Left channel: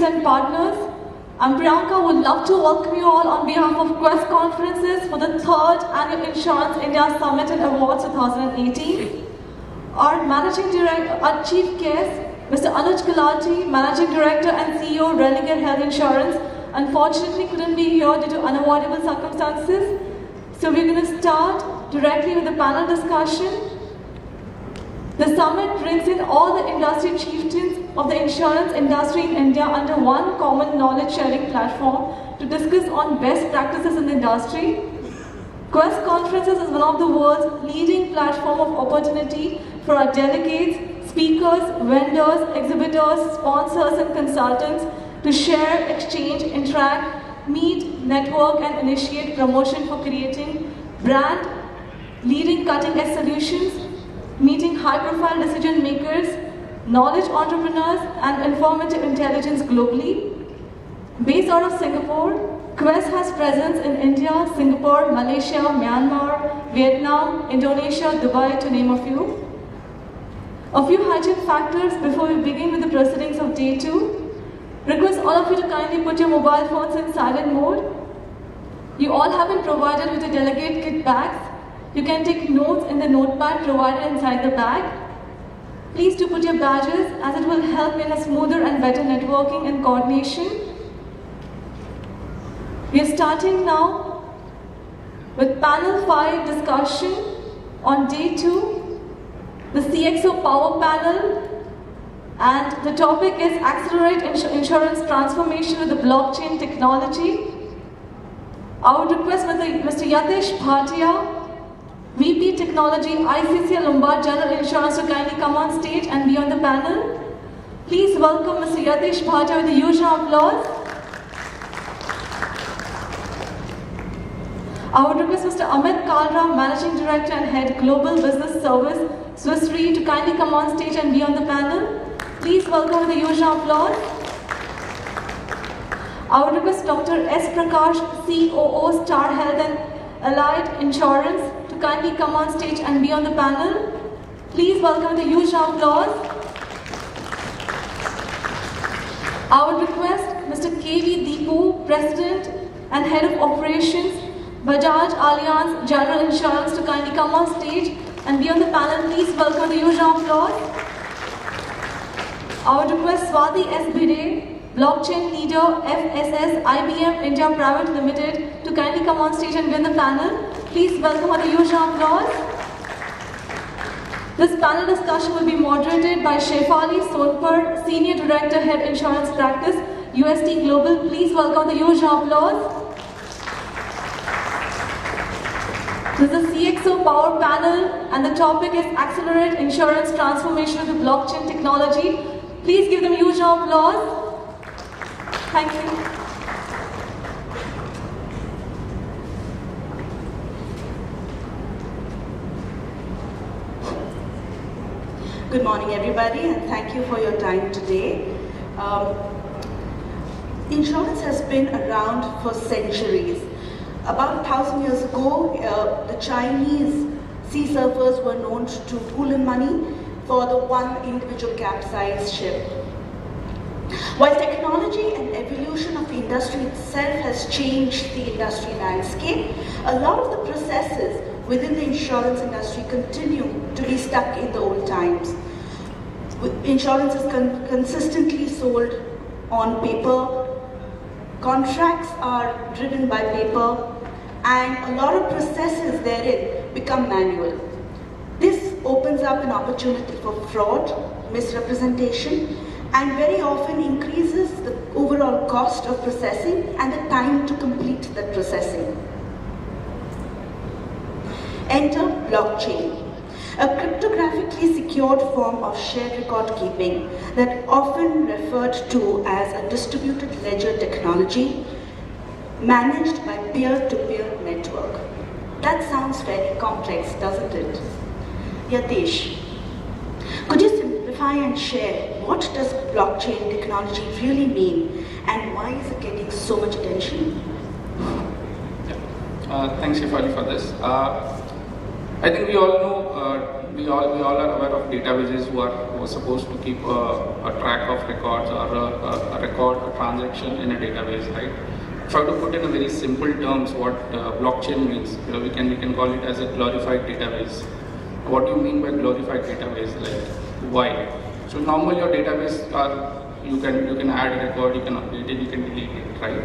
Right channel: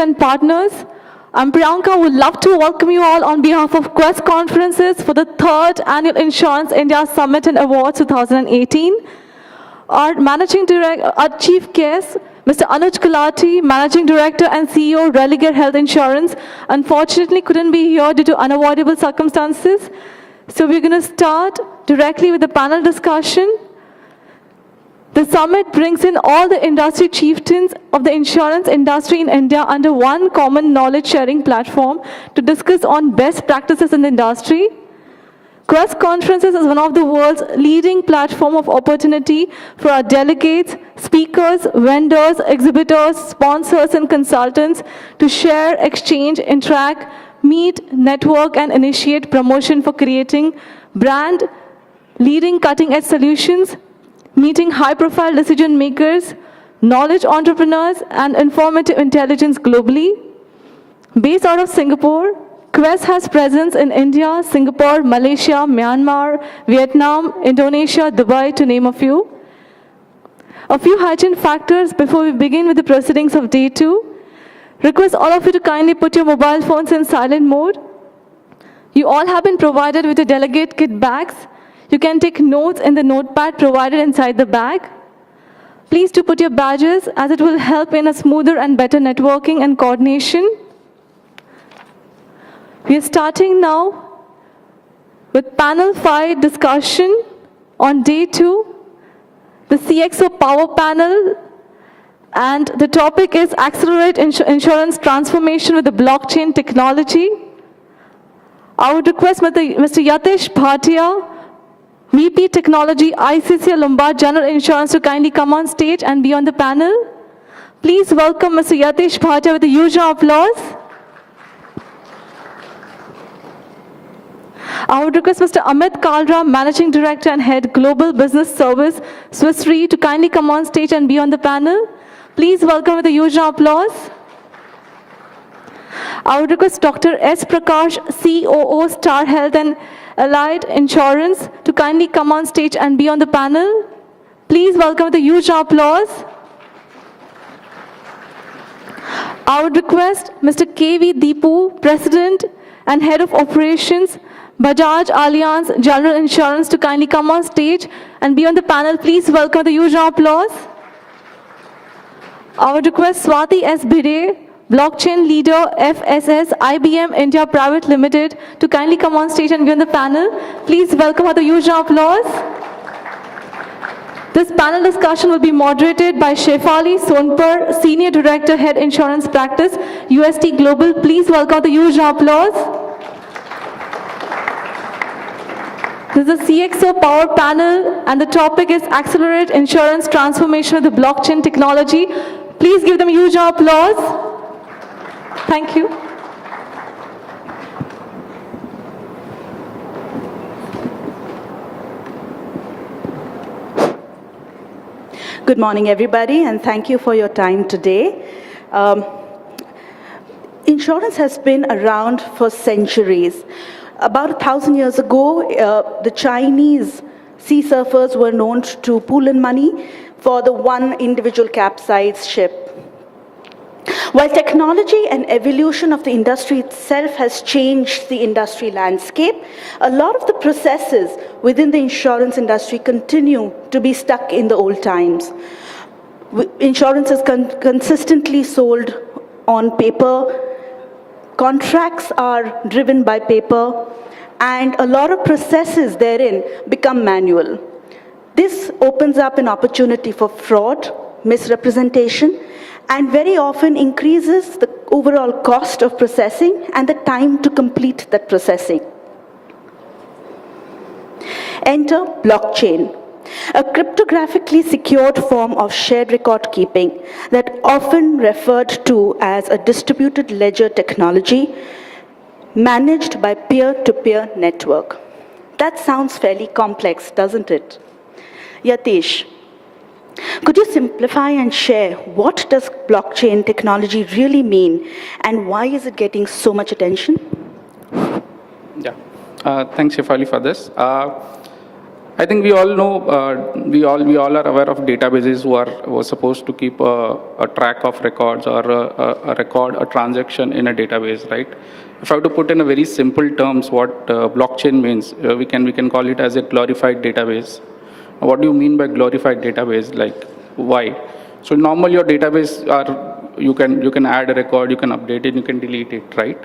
and partners, I'm Priyanka. Would love to welcome you all on behalf of Quest Conferences for the 3rd Annual Insurance India Summit and Awards 2018. Our Chief Guest, Mr. Anuj Gulati, Managing Director and CEO, Religare Health Insurance, unfortunately couldn't be here due to unavoidable circumstances. So we're going to start directly with the panel discussion. The summit brings in all the industry chieftains of the insurance industry in India under one common knowledge sharing platform to discuss on best practices in the industry. Quest Conferences is one of the world's leading platform of opportunity for our delegates, speakers, vendors, exhibitors, sponsors and consultants to share, exchange, interact, meet, network and initiate promotion for creating brand, leading cutting-edge solutions, meeting high-profile decision makers, knowledge entrepreneurs, and informative intelligence globally. Based out of Singapore, Quest has presence in India, Singapore, Malaysia, Myanmar, Vietnam, Indonesia, Dubai, to name a few. A few hygiene factors before we begin with the proceedings of day 2. Request all of you to kindly put your mobile phones in silent mode. You all have been provided with your delegate kit bags. You can take notes in the notepad provided inside the bag. Please do put your badges as it will help in a smoother and better networking and coordination. We are starting now with panel 5 discussion on day 2, the CXO Power Panel, and the topic is Accelerate Insurance Transformation with the Blockchain Technology. I would request Mr. Yatish Bhatia, VP Technology, ICICI Lombard General Insurance, to kindly come on stage and be on the panel. Please welcome Mr. Yatish Bhatia with a huge applause. I would request Mr. Amit Kalra, Managing Director and Head Global Business Service, Swiss Re, to kindly come on stage and be on the panel. Please welcome with a huge applause. I would request Dr. S. Prakash, COO, Star Health and Allied Insurance, to kindly come on stage and be on the panel. Please welcome with a huge applause. I would request Mr. KV Deepu, President and Head of Operations, Bajaj Allianz General Insurance, to kindly come on stage and be on the panel. Please welcome the huge applause. I would request Swati S. Bhide, Blockchain Leader, FSS, IBM India Private Limited, to kindly come on stage and be on the panel. Please welcome with a huge applause. This panel discussion will be moderated by Shefali Sonpur, Senior Director, Head Insurance Practice, UST Global. Please welcome the huge applause. This is the CXO Power Panel, and the topic is Accelerate Insurance Transformation with the Blockchain Technology. Please give them a huge applause. Thank you. Good morning, everybody, and thank you for your time today. Insurance has been around for centuries. About 1,000 years ago, the Chinese sea surfers were known to pool in money for the one individual capsized ship. While technology and evolution of the industry itself has changed the industry landscape, a lot of the processes within the insurance industry continue to be stuck in the old times. Insurance is consistently sold on paper, contracts are driven by paper, and a lot of processes therein become manual. This opens up an opportunity for fraud, misrepresentation, and very often increases the overall cost of processing and the time to complete that processing. Enter blockchain, a cryptographically secured form of shared record keeping that often referred to as a distributed ledger technology managed by peer-to-peer network. That sounds fairly complex, doesn't it? Yatish, could you simplify and share what does blockchain technology really mean and why is it getting so much attention? Yeah, thanks Shefali for this. I think we all know, we all are aware of databases who are supposed to keep a track of records or a record, a transaction in a database, right? If I have to put in a very simple terms what blockchain means, we can call it as a glorified database. What do you mean by glorified database? Like why? So normal your database are you can add a record, you can update it, you can delete it, right?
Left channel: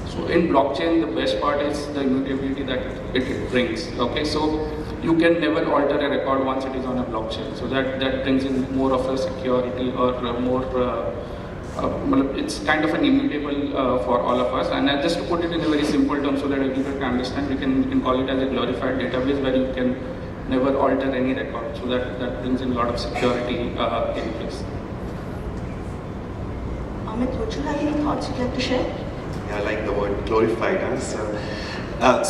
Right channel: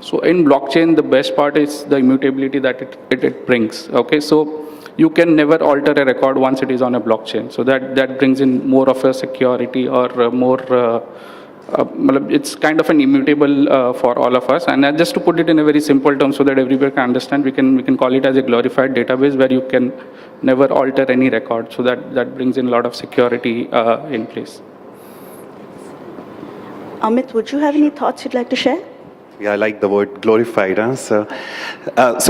So in blockchain, the best part is the immutability that it brings. Okay, so you can never alter a record once it is on a blockchain. So that brings in more of a security or more. It's kind of an immutable for all of us. And just to put it in a very simple term, so that everybody can understand, we can call it as a glorified database where you can never alter any record. So that brings in a lot of security in place. Amit, would you have any thoughts you'd like to share? Yeah, I like the word glorified. Huh? So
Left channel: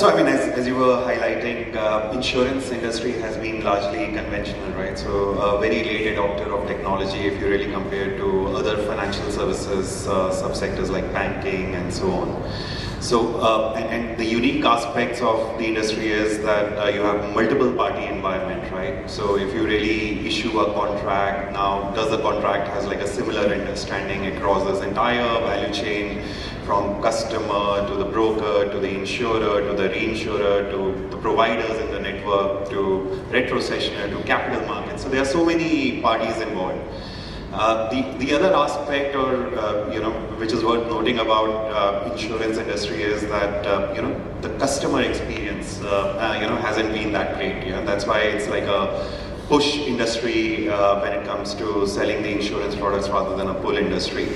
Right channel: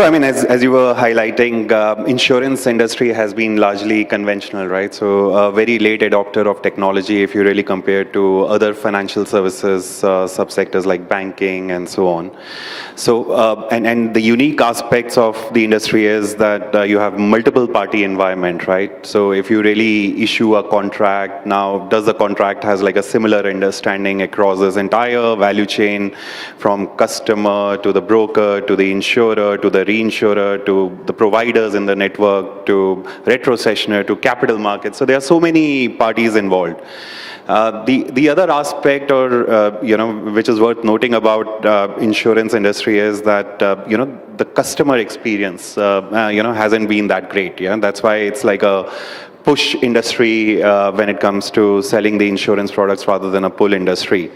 I mean, as you were highlighting, insurance industry has been largely conventional, right? So a very late adopter of technology if you really compare to other financial services subsectors like banking and so on. So, and the unique aspects of the industry is that you have multiple party environment, right? So if you really issue a contract, now does the contract has like a similar understanding across this entire value chain from customer to the broker to the insurer to the reinsurer to the providers in the network to retrocessioner to capital markets. So there are so many parties involved. The other aspect, or which is worth noting about insurance industry is that the customer experience hasn't been that great. Yeah, that's why it's like a push industry when it comes to selling the insurance products rather than a pull industry.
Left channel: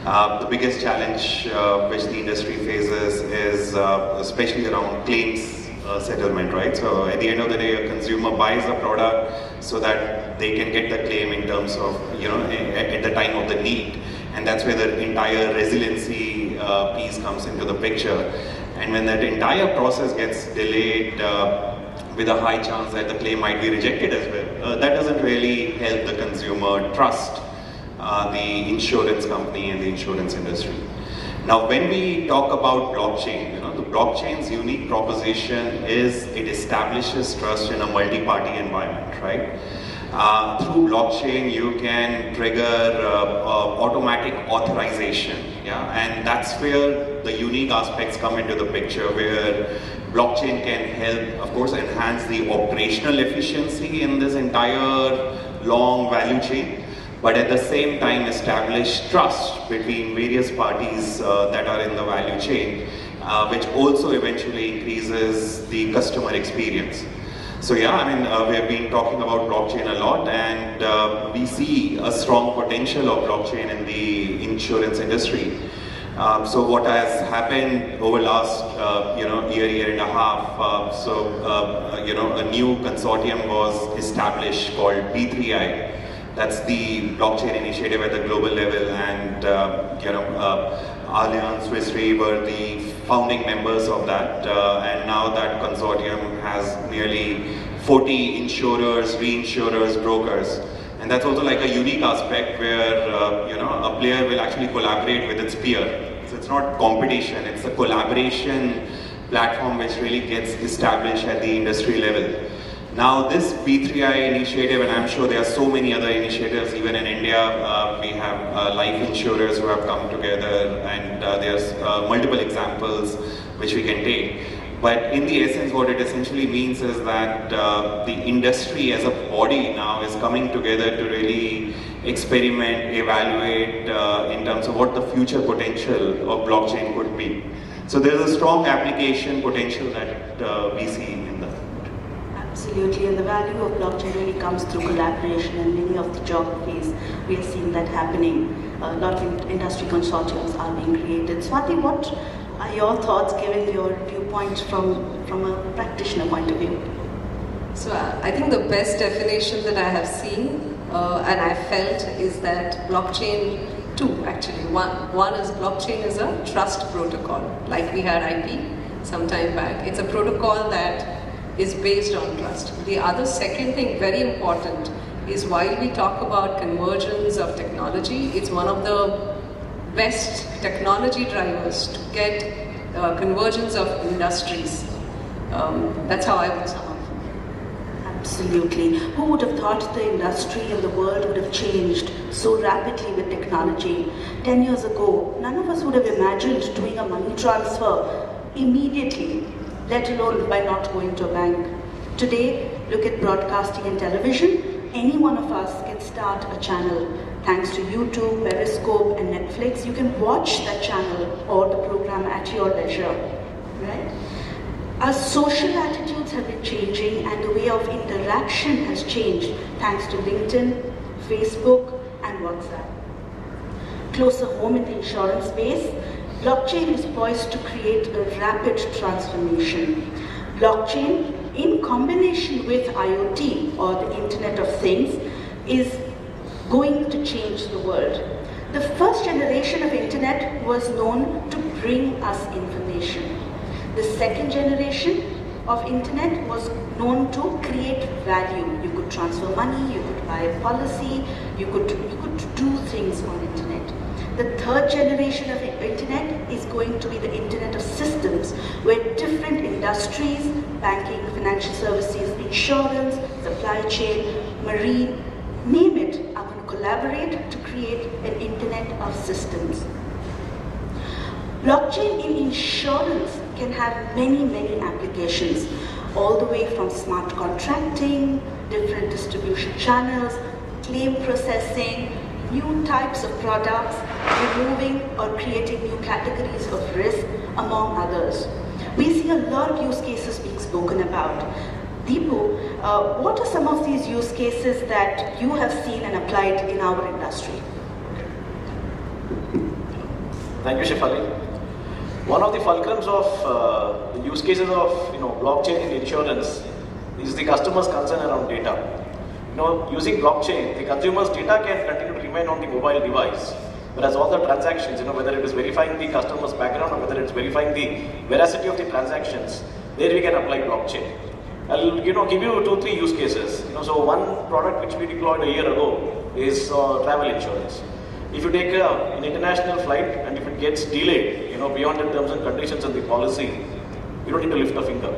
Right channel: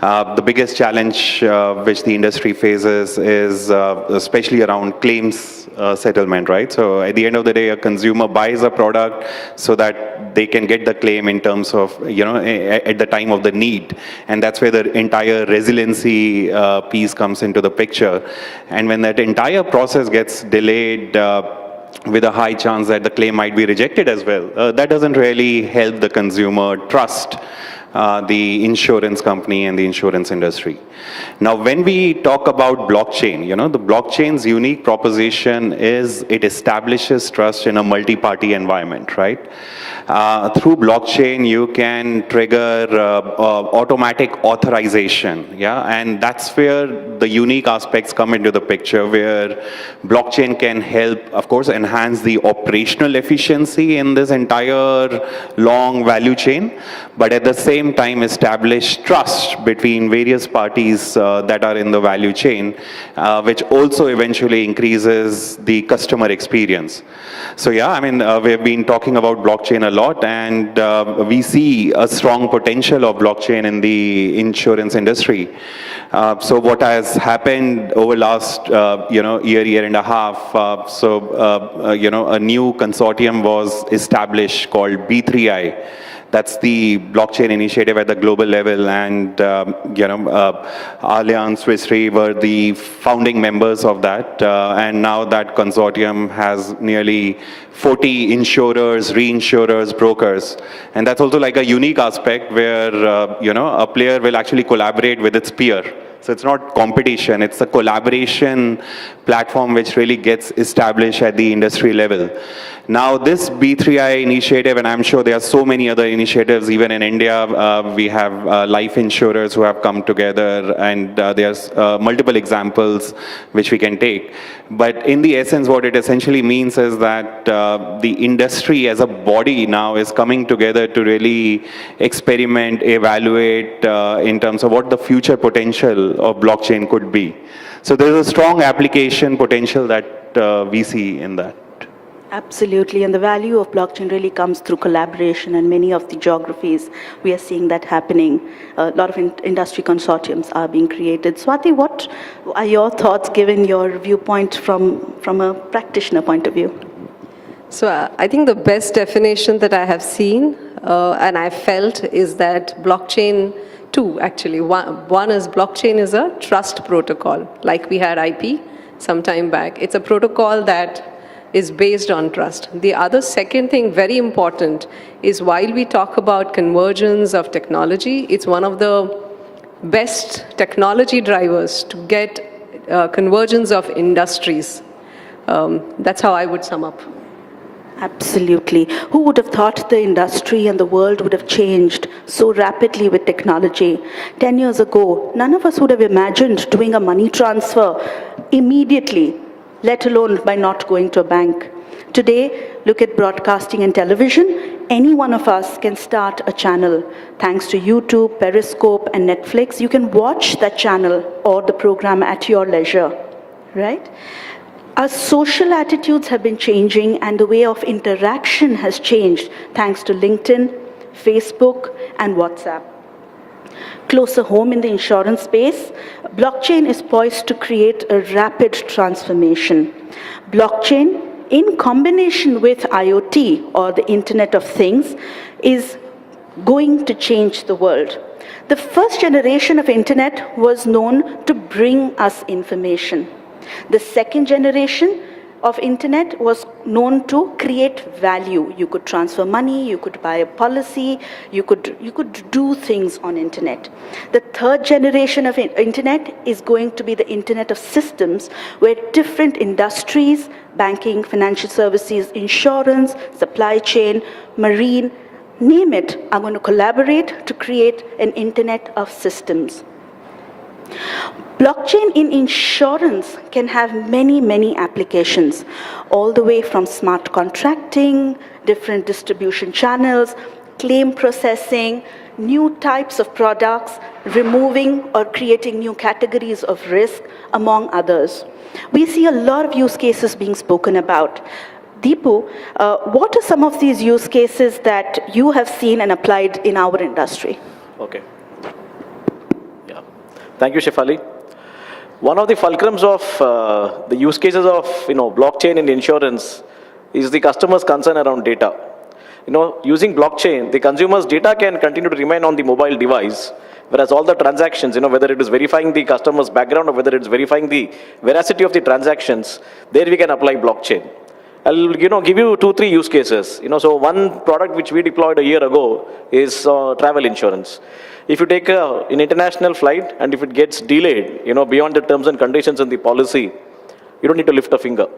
The biggest challenge which the industry faces is especially around claims settlement, right? So at the end of the day, a consumer buys a product so that they can get the claim in terms of, at the time of the need. And that's where the entire resiliency piece comes into the picture. And when that entire process gets delayed with a high chance that the claim might be rejected as well, that doesn't really help the consumer trust the insurance company and the insurance industry. Now, when we talk about blockchain, the blockchain's unique proposition is it establishes trust in a multi-party environment, right? Through blockchain, you can trigger automatic authorization, yeah, and that's where the unique aspects come into the picture, where blockchain can help, of course, enhance the operational efficiency in this entire long value chain, but at the same time establish trust between various parties that are in the value chain, which also eventually increases the customer experience. So yeah, I mean, we have been talking about blockchain a lot, and we see a strong potential of blockchain in the insurance industry. So what has happened over last, year and a half, a new consortium was established called B3I. That's the blockchain initiative at the global level, and Allianz Swiss Re were the founding members of that, and now that consortium has nearly 40 insurers, reinsurers, brokers, and that's also like a unique aspect where a player will actually collaborate with its peer. So it's not competition; it's a collaboration platform which really gets established at the industry level. Now this B3I initiative, and I'm sure there are so many other initiatives, even in India, we have life insurers who have come together, and there's multiple examples which we can take. But in the essence, what it essentially means is that the industry as a body now is coming together to really experiment, evaluate in terms of what the future potential of blockchain could be. So there's a strong application potential that we see in that. Absolutely, and the value of blockchain really comes through collaboration, and many of the geographies we are seeing that happening. A lot of industry consortiums are being created. Swati, what are your thoughts given your viewpoint from a practitioner point of view? So I think the best definition that I have seen and I felt is that blockchain, two actually. One is blockchain is a trust protocol, like we had IP some time back. It's a protocol that is based on trust. The other second thing, very important, is while we talk about convergence of technology, it's one of the best technology drivers to get convergence of industries. That's how I would sum up. Absolutely. Who would have thought the industry and the world would have changed so rapidly with technology? 10 years ago, none of us would have imagined doing a money transfer immediately, let alone by not going to a bank. Today, look at broadcasting and television. Any one of us can start a channel. Thanks to YouTube, Periscope, and Netflix, you can watch that channel or the program at your leisure, right? Our social attitudes have been changing and the way of interaction has changed thanks to LinkedIn, Facebook, and WhatsApp. Closer home in the insurance space, blockchain is poised to create a rapid transformation. Blockchain, in combination with IoT or the Internet of Things, is going to change the world. The first generation of Internet was known to bring us information. The second generation of Internet was known to create value. You could transfer money, you could buy a policy, you could do things on Internet. The third generation of Internet is going to be the Internet of Systems, where different industries, banking, financial services, insurance, supply chain, marine, name it, are going to collaborate to create an Internet of Systems. Blockchain in insurance can have many, many applications, all the way from smart contracting, different distribution channels, claim processing, new types of products, removing or creating new categories of risk, among others. We see a lot of use cases being spoken about. Deepu, what are some of these use cases that you have seen and applied in our industry? Okay. Yeah. Thank you, Shefali. One of the fulcrums of the use cases of blockchain in insurance is the customer's concern around data. Using blockchain, the consumer's data can continue to remain on the mobile device, whereas all the transactions, whether it is verifying the customer's background or whether it's verifying the veracity of the transactions, there we can apply blockchain. I'll give you 2-3 use cases. So one product which we deployed a year ago is travel insurance. If you take an international flight and if it gets delayed, beyond the terms and conditions in the policy, you don't need to lift a finger.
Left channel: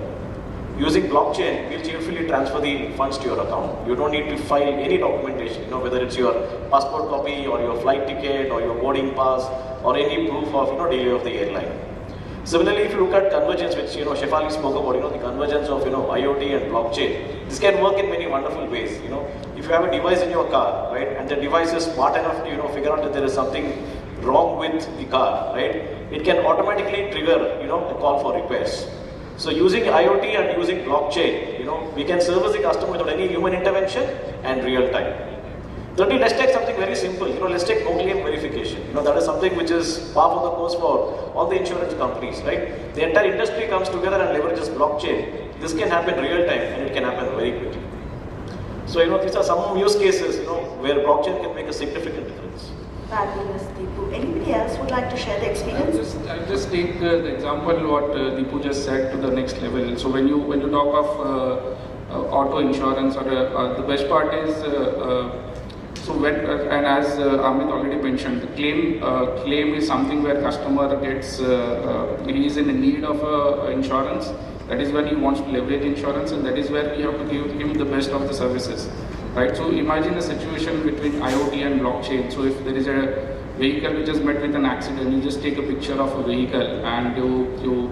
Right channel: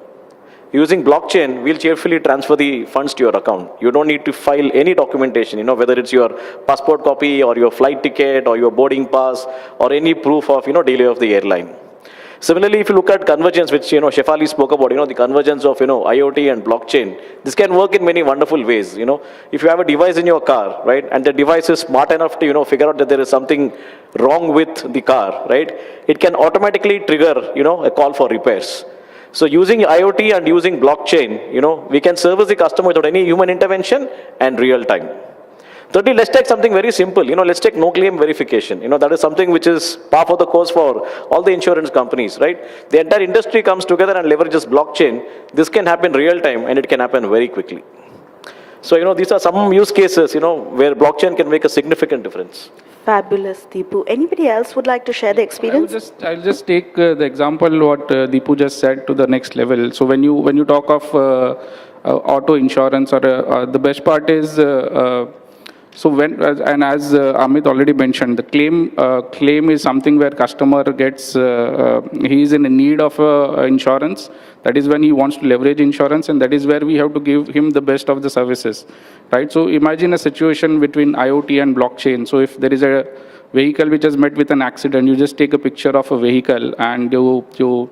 Using blockchain, we'll cheerfully transfer the funds to your account. You don't need to file any documentation, whether it's your passport copy or your flight ticket or your boarding pass or any proof of, delay of the airline. Similarly, if you look at convergence, which Shefali spoke about, the convergence of IoT and blockchain, this can work in many wonderful ways. If you have a device in your car, right, and the device is smart enough to figure out that there is something wrong with the car, right, it can automatically trigger a call for repairs. So using IoT and using blockchain, we can service the customer without any human intervention and real time. Thirdly, let's take something very simple. Let's take no claim verification. That is something which is par for the course for all the insurance companies, right? The entire industry comes together and leverages blockchain. This can happen real time and it can happen very quickly. So, these are some use cases, where blockchain can make a significant difference. Fabulous, Deepu. Anybody else would like to share the experience? I'll just take the example what Deepu just said to the next level. So when you talk of auto insurance, or the best part is so when and as Amit already mentioned, the claim is something where customer gets he is in need of insurance. That is when he wants to leverage insurance, and that is where we have to give him the best of the services, right? So imagine a situation between IoT and blockchain. So if there is a vehicle which has met with an accident, you just take a picture of a vehicle and you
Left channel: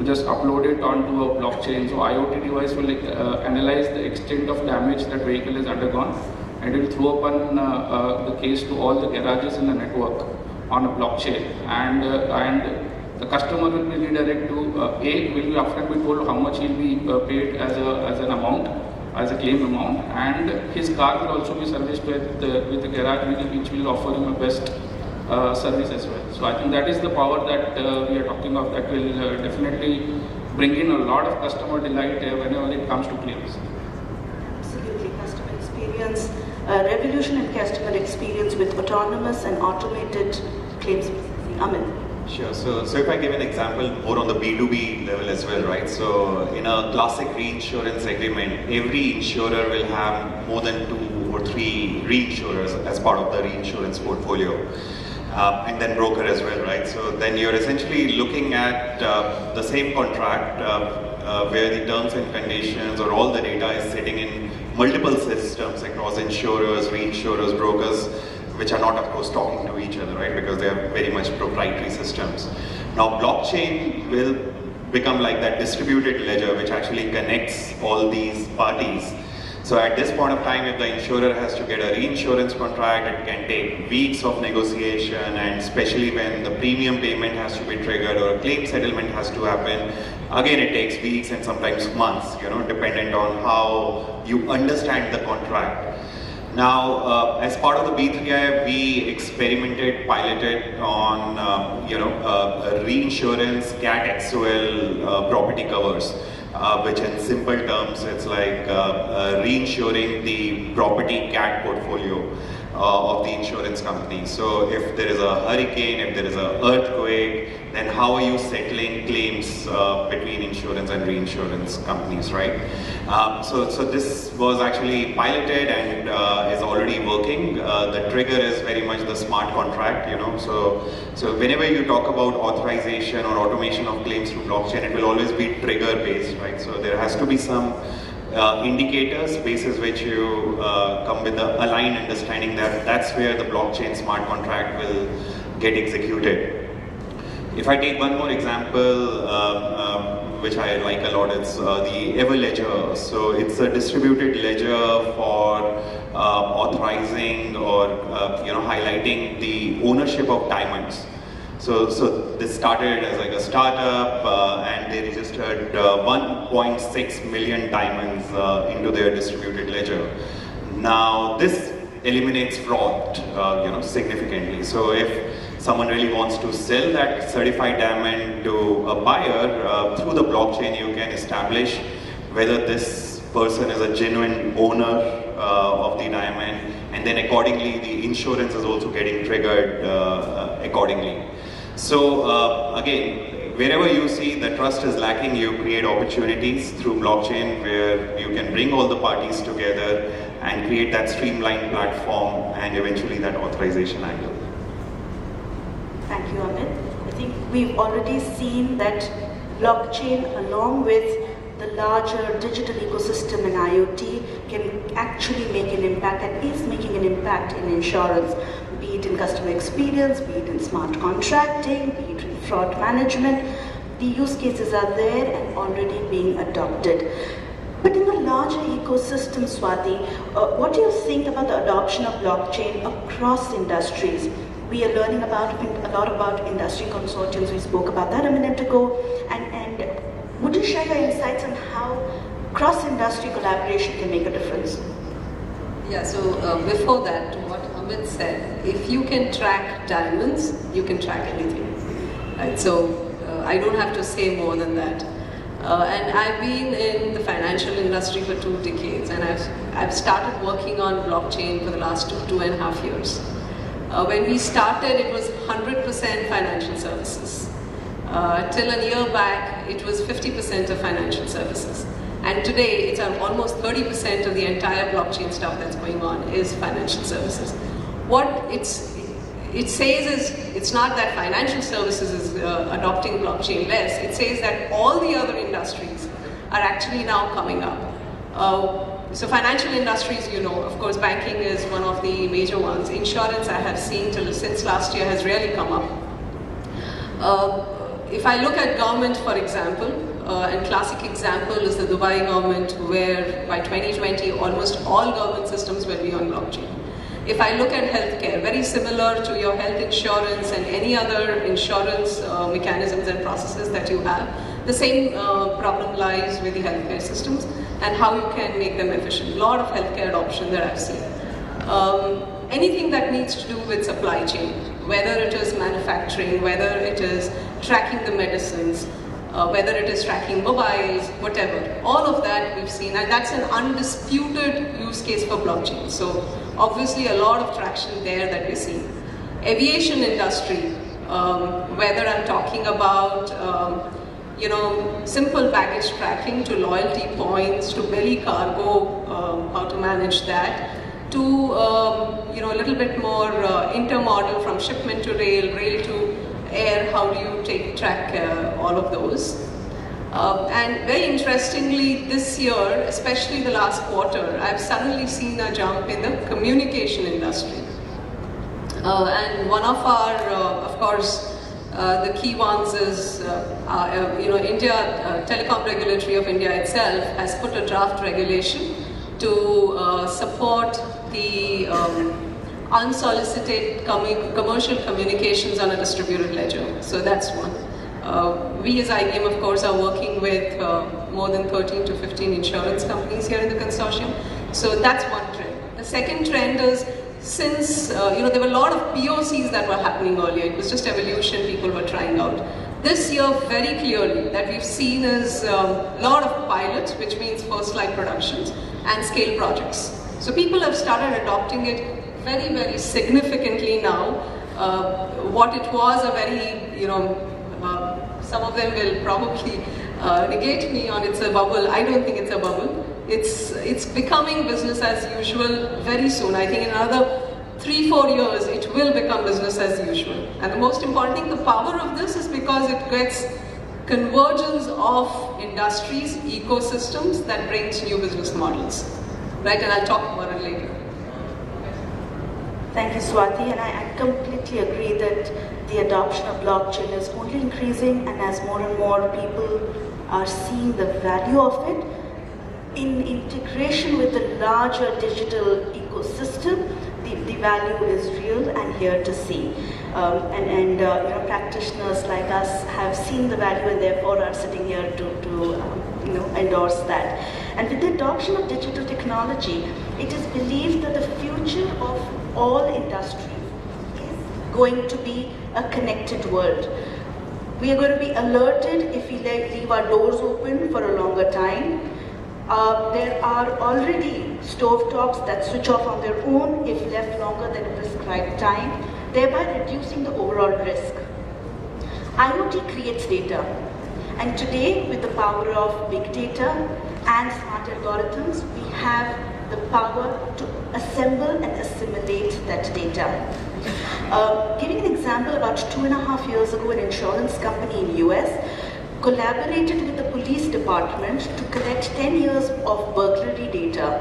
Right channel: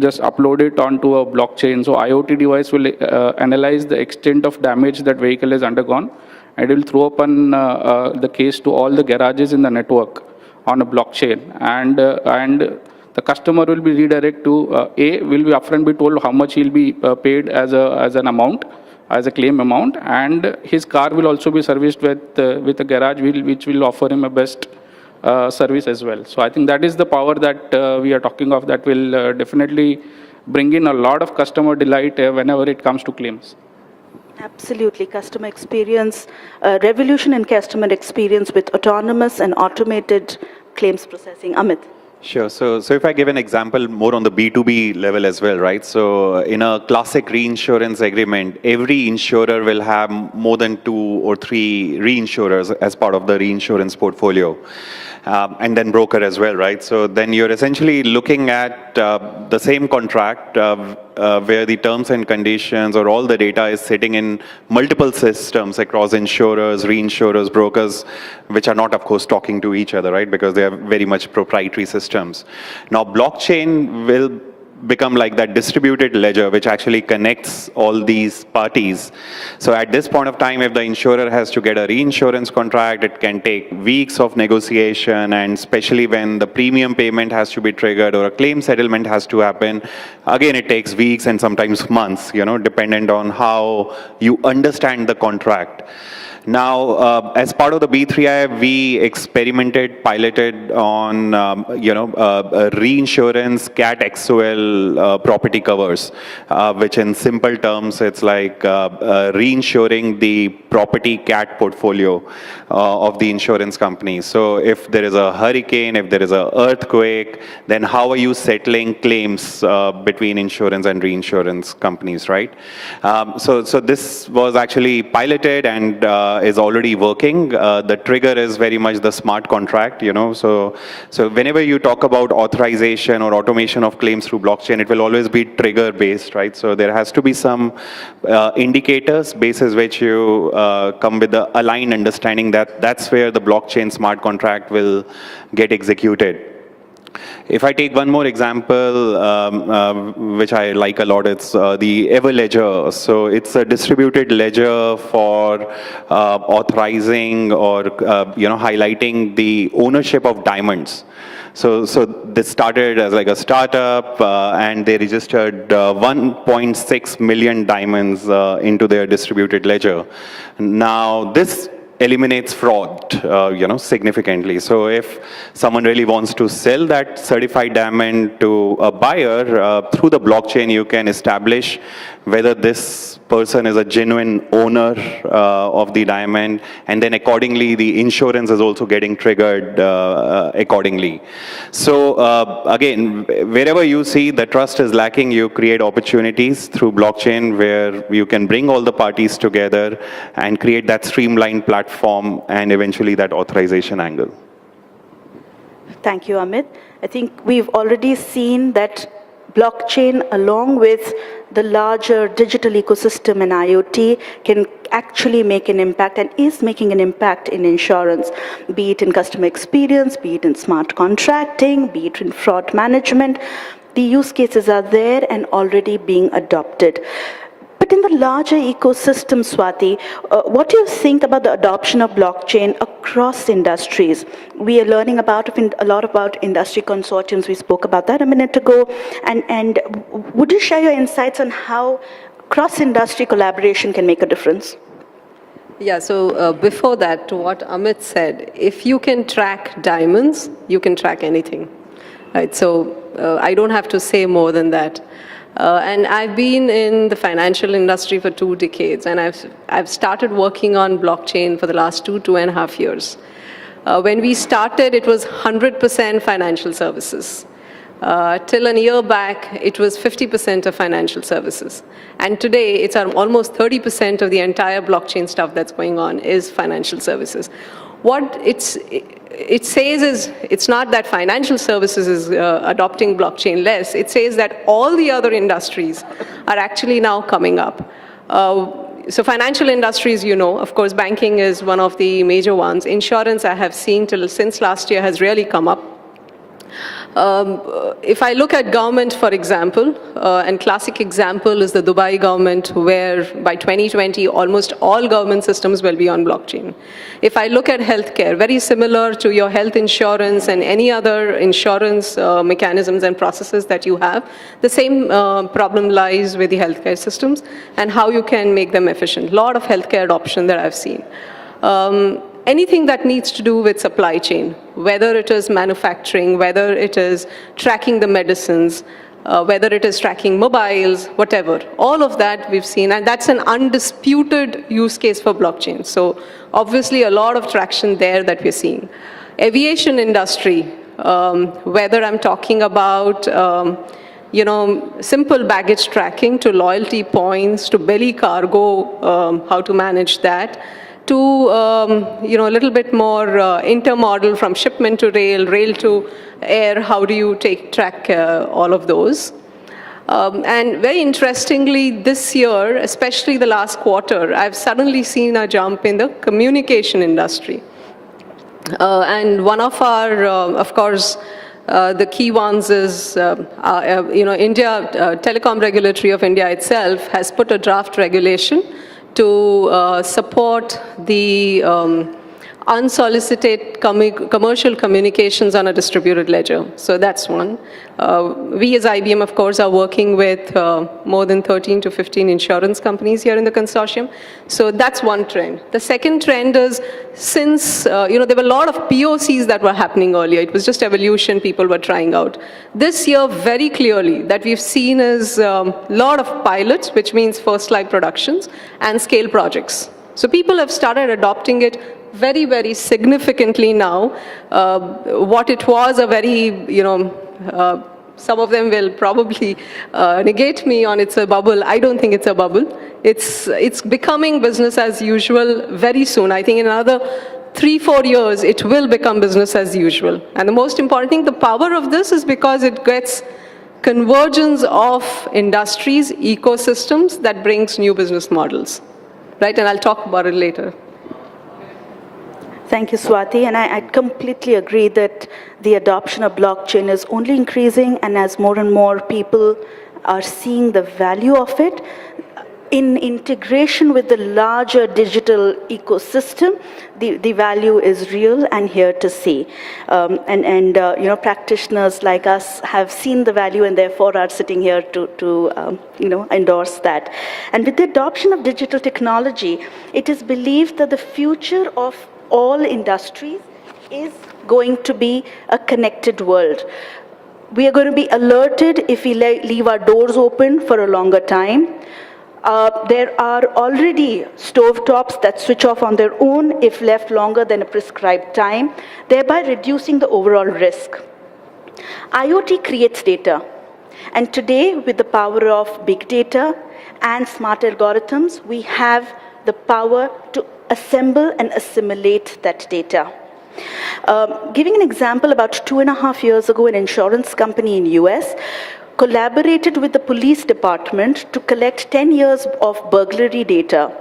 just upload it onto a blockchain. So IoT device will analyze the extent of damage that vehicle has undergone, and it will throw upon the case to all the garages in the network on a blockchain, and the customer will be redirected to will be upfront be told how much he'll be paid as an amount, as a claim amount, and his car will also be serviced with a garage which will offer him a best service as well. So I think that is the power that we are talking of, that will definitely bring in a lot of customer delight whenever it comes to claims. Absolutely, customer experience, revolution in customer experience with autonomous and automated claims processing. Amit. Sure. So if I give an example more on the B2B level as well, right? So in a classic reinsurance agreement, every insurer will have more than 2 or 3 reinsurers as part of the reinsurance portfolio. and then broker as well, right? So then you're essentially looking at the same contract where the terms and conditions or all the data is sitting in multiple systems across insurers, reinsurers, brokers, which are not, of course, talking to each other, right? Because they are very much proprietary systems. Now, blockchain will become like that distributed ledger, which actually connects all these parties. So at this point of time, if the insurer has to get a reinsurance contract, it can take weeks of negotiation, and especially when the premium payment has to be triggered or a claim settlement has to happen, again, it takes weeks and sometimes months, dependent on how you understand the contract. Now, as part of the B3I, we experimented, piloted on, reinsurance CAT XOL property covers, which in simple terms, it's like reinsuring the property CAT portfolio of the insurance company. So if there is a hurricane, if there is an earthquake, then how are you settling claims between insurance and reinsurance companies, right? So this was actually piloted and is already working. The trigger is very much the smart contract, So whenever you talk about authorization or automation of claims through blockchain, it will always be trigger based, right? So there has to be some indicators basis which you come with the aligned understanding that that's where the blockchain smart contract will get executed. If I take one more example, which I like a lot, it's the Everledger. So it's a distributed ledger for authorizing or highlighting the ownership of diamonds. So this started as like a startup, and they registered 1.6 million diamonds into their distributed ledger. Now this eliminates fraud, significantly. So if someone really wants to sell that certified diamond to a buyer, through the blockchain, you can establish whether this person is a genuine owner of the diamond, and then accordingly, the insurance is also getting triggered accordingly. So again, wherever you see the trust is lacking, you create opportunities through blockchain where you can bring all the parties together and create that streamlined platform and eventually that authorization angle. Thank you, Amit. I think we've already seen that blockchain, along with the larger digital ecosystem and IoT, can actually make an impact and is making an impact in insurance, be it in customer experience, be it in smart contracting, be it in fraud management. The use cases are there and already being adopted. But in the larger ecosystem, Swati, what do you think about the adoption of blockchain across industries? We are learning a lot about industry consortiums. We spoke about that a minute ago. And would you share your insights on how cross-industry collaboration can make a difference? Yeah, so before that, to what Amit said, if you can track diamonds, you can track anything. Right? So I don't have to say more than that. And I've been in the financial industry for 2 decades, and I've started working on blockchain for the last 2.5 years. When we started, it was 100% financial services. Till a year back, it was 50% of financial services. And today, it's almost 30% of the entire blockchain stuff that's going on is financial services. What it says is, it's not that financial services is adopting blockchain less. It says that all the other industries are actually now coming up. So financial industries, of course, banking is one of the major ones. Insurance, I have seen since last year, has really come up. If I look at government, for example, and classic example is the Dubai government, where by 2020, almost all government systems will be on blockchain. If I look at healthcare, very similar to your health insurance and any other insurance mechanisms and processes that you have, the same problem lies with the healthcare systems and how you can make them efficient. A lot of healthcare adoption that I've seen. Anything that needs to do with supply chain, whether it is manufacturing, whether it is tracking the medicines, whether it is tracking mobiles, whatever, all of that we've seen, and that's an undisputed use case for blockchain. So obviously a lot of traction there that we're seeing. Aviation industry, whether I'm talking about simple baggage tracking to loyalty points to belly cargo, how to manage that. to a little bit more intermodal from shipment to rail, rail to air. How do you track all of those? And very interestingly, this year, especially the last quarter, I've suddenly seen a jump in the communication industry. And one of our, of course, the key ones is, India, Telecom Regulatory of India itself has put a draft regulation to support the unsolicited commercial communications on a distributed ledger. So that's one. We as IBM, of course, are working with more than 13 to 15 insurance companies here in the consortium. So that's one trend. The second trend is, since there were a lot of POCs that were happening earlier, it was just evolution, people were trying out. This year, very clearly, that we've seen is a lot of pilots, which means first-live productions, and scale projects. So people have started adopting it very, very significantly now. What it was a very, some of them will probably negate me on it's a bubble. I don't think it's a bubble. It's becoming business as usual very soon. I think in another 3-4 years, it will become business as usual. And the most important thing, the power of this is because it gets convergence of industries, ecosystems that brings new business models. Right, and I'll talk about it later. Thank you, Swati. And I completely agree that the adoption of blockchain is only increasing, and as more and more people are seeing the value of it, in integration with the larger digital ecosystem, the value is real and here to stay. Practitioners like us have seen the value and therefore are sitting here to endorse that. And with the adoption of digital technology, it is believed that the future of all industries is going to be a connected world. We are going to be alerted if we leave our doors open for a longer time. There are already stovetops that switch off on their own if left longer than a prescribed time, thereby reducing the overall risk. IoT creates data, and today, with the power of big data and smart algorithms, we have the power to assemble and assimilate that data. Giving an example, about 2.5 years ago, an insurance company in US collaborated with the police department to collect 10 years of burglary data,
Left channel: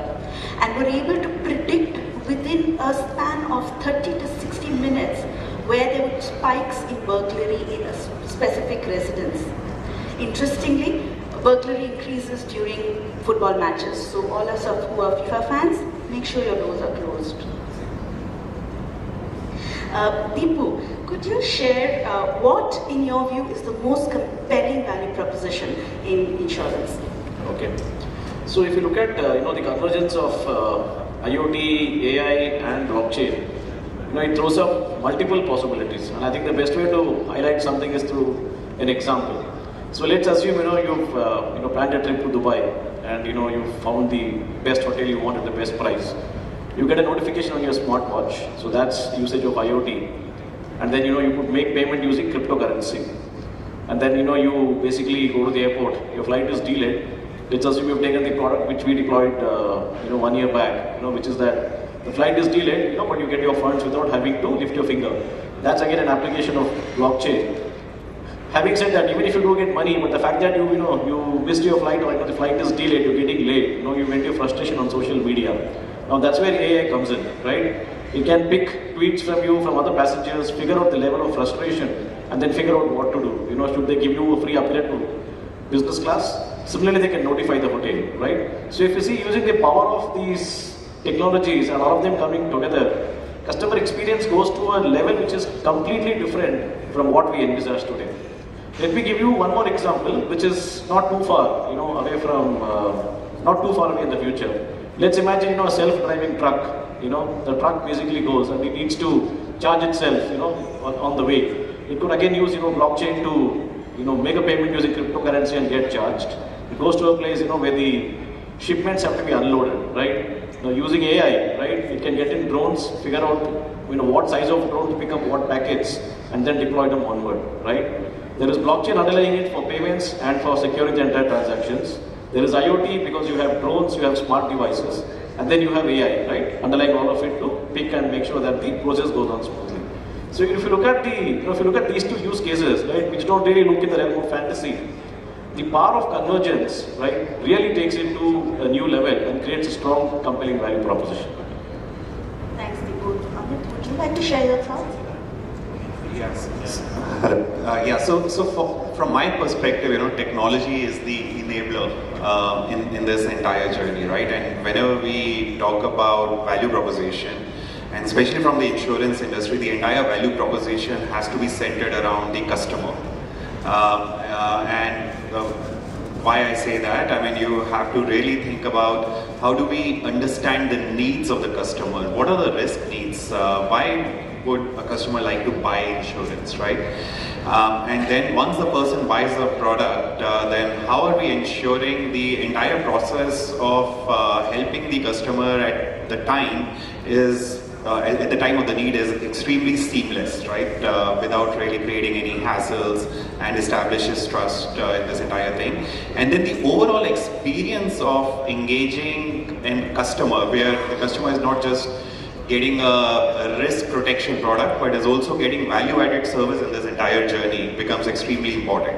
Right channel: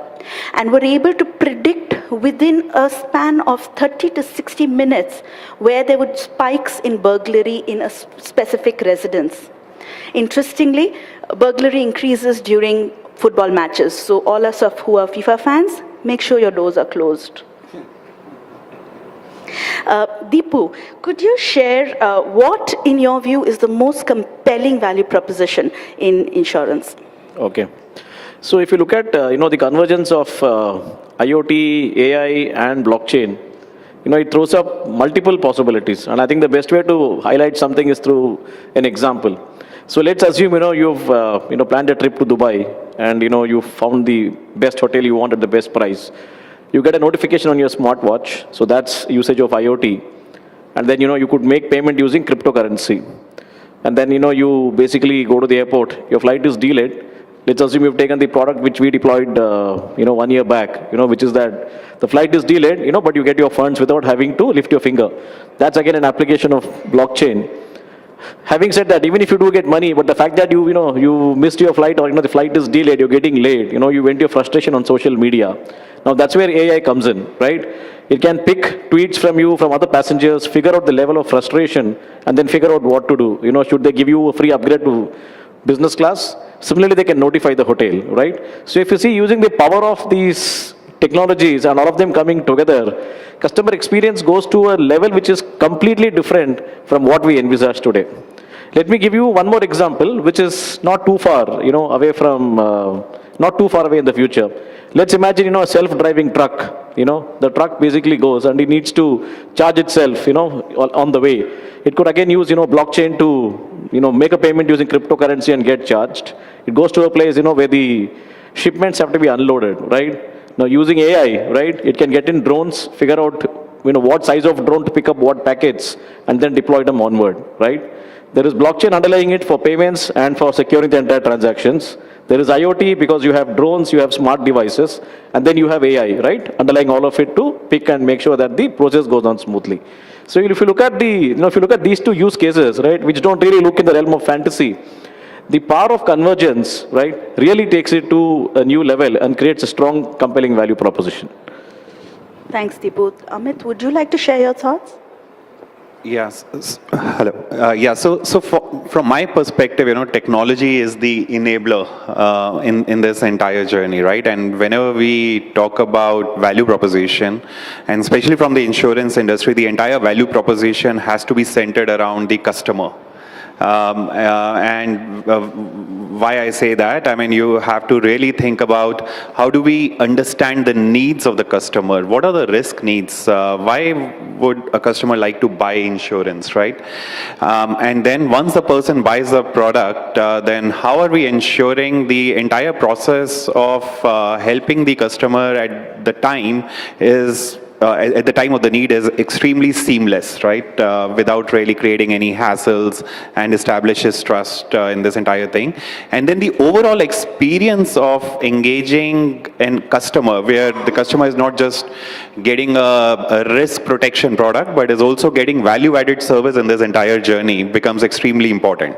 and were able to predict within a span of 30 to 60 minutes where there were spikes in burglary in a specific residence. Interestingly, burglary increases during football matches, so all us who are FIFA fans, make sure your doors are closed. Deepu, could you share what, in your view, is the most compelling value proposition in insurance? Okay. So if you look at the convergence of IoT, AI, and blockchain, it throws up multiple possibilities. And I think the best way to highlight something is through an example. So let's assume you've planned a trip to Dubai, and you found the best hotel you want at the best price. You get a notification on your smartwatch, so that's usage of IoT. And then you could make payment using cryptocurrency. And then you basically go to the airport, your flight is delayed. Let's assume you've taken the product which we deployed 1 year back, which is that the flight is delayed, but you get your funds without having to lift your finger. That's again an application of blockchain. Having said that, even if you do get money, but the fact that you missed your flight, or the flight is delayed, you're getting late, you vent your frustration on social media. Now that's where AI comes in, right? It can pick tweets from you, from other passengers, figure out the level of frustration, and then figure out what to do. Should they give you a free upgrade to business class? Similarly, they can notify the hotel, right? So if you see, using the power of these technologies and all of them coming together, customer experience goes to a level which is completely different from what we envisage today. Let me give you one more example, which is not too far, away from, not too far away in the future. Let's imagine, a self-driving truck. The truck basically goes and it needs to charge itself, on the way. It could again use, blockchain to, make a payment using cryptocurrency and get charged. It goes to a place, where the shipments have to be unloaded, right? Now using AI, right, it can get in drones, figure out, what size of drone to pick up what packets, and then deploy them onward, right? There is blockchain underlying it for payments and for securing the entire transactions. There is IoT because you have drones, you have smart devices, and then you have AI, right, underlying all of it to pick and make sure that the process goes on smoothly. So if you look at if you look at these two use cases, right, which don't really look in the realm of fantasy, the power of convergence, right, really takes it to a new level and creates a strong, compelling value proposition. Thanks, Deepu. Amit, would you like to share your thoughts? Yes. From my perspective, technology is the enabler in this entire journey, right? And whenever we talk about value proposition, and especially from the insurance industry, the entire value proposition has to be centered around the customer. Why I say that, I mean, you have to really think about how do we understand the needs of the customer? What are the risk needs? Why would a customer like to buy insurance, right? And then once the person buys a product, then how are we ensuring the entire process of helping the customer at the time is at the time of the need is extremely seamless, right? Without really creating any hassles, and establishes trust in this entire thing. And then the overall experience of engaging in customer, where the customer is not just getting a risk protection product, but is also getting value-added service in this entire journey, becomes extremely important.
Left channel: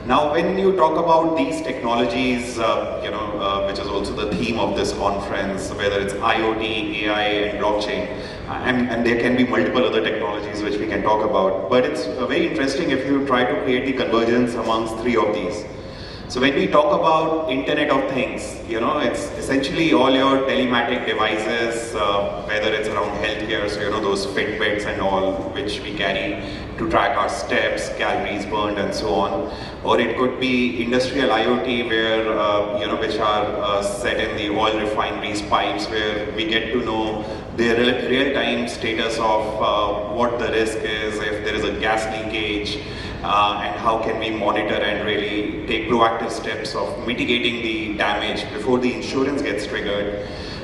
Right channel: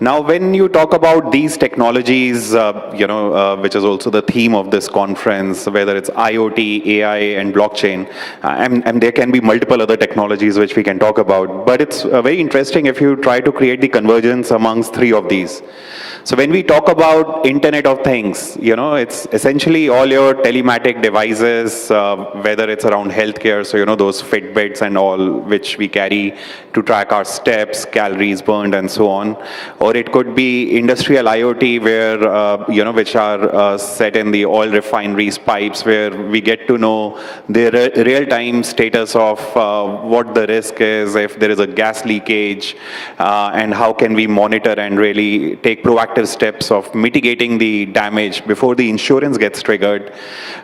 Now, when you talk about these technologies, which is also the theme of this conference, whether it's IoT, AI, and blockchain, and there can be multiple other technologies which we can talk about, but it's very interesting if you try to create the convergence amongst three of these. So when we talk about Internet of Things, it's essentially all your telematic devices, whether it's around healthcare, so those Fitbits and all which we carry to track our steps, calories burned, and so on. Or it could be industrial IoT, where which are set in the oil refineries pipes, where we get to know the real-time status of what the risk is, if there is a gas leakage, and how can we monitor and really take proactive steps of mitigating the damage before the insurance gets triggered.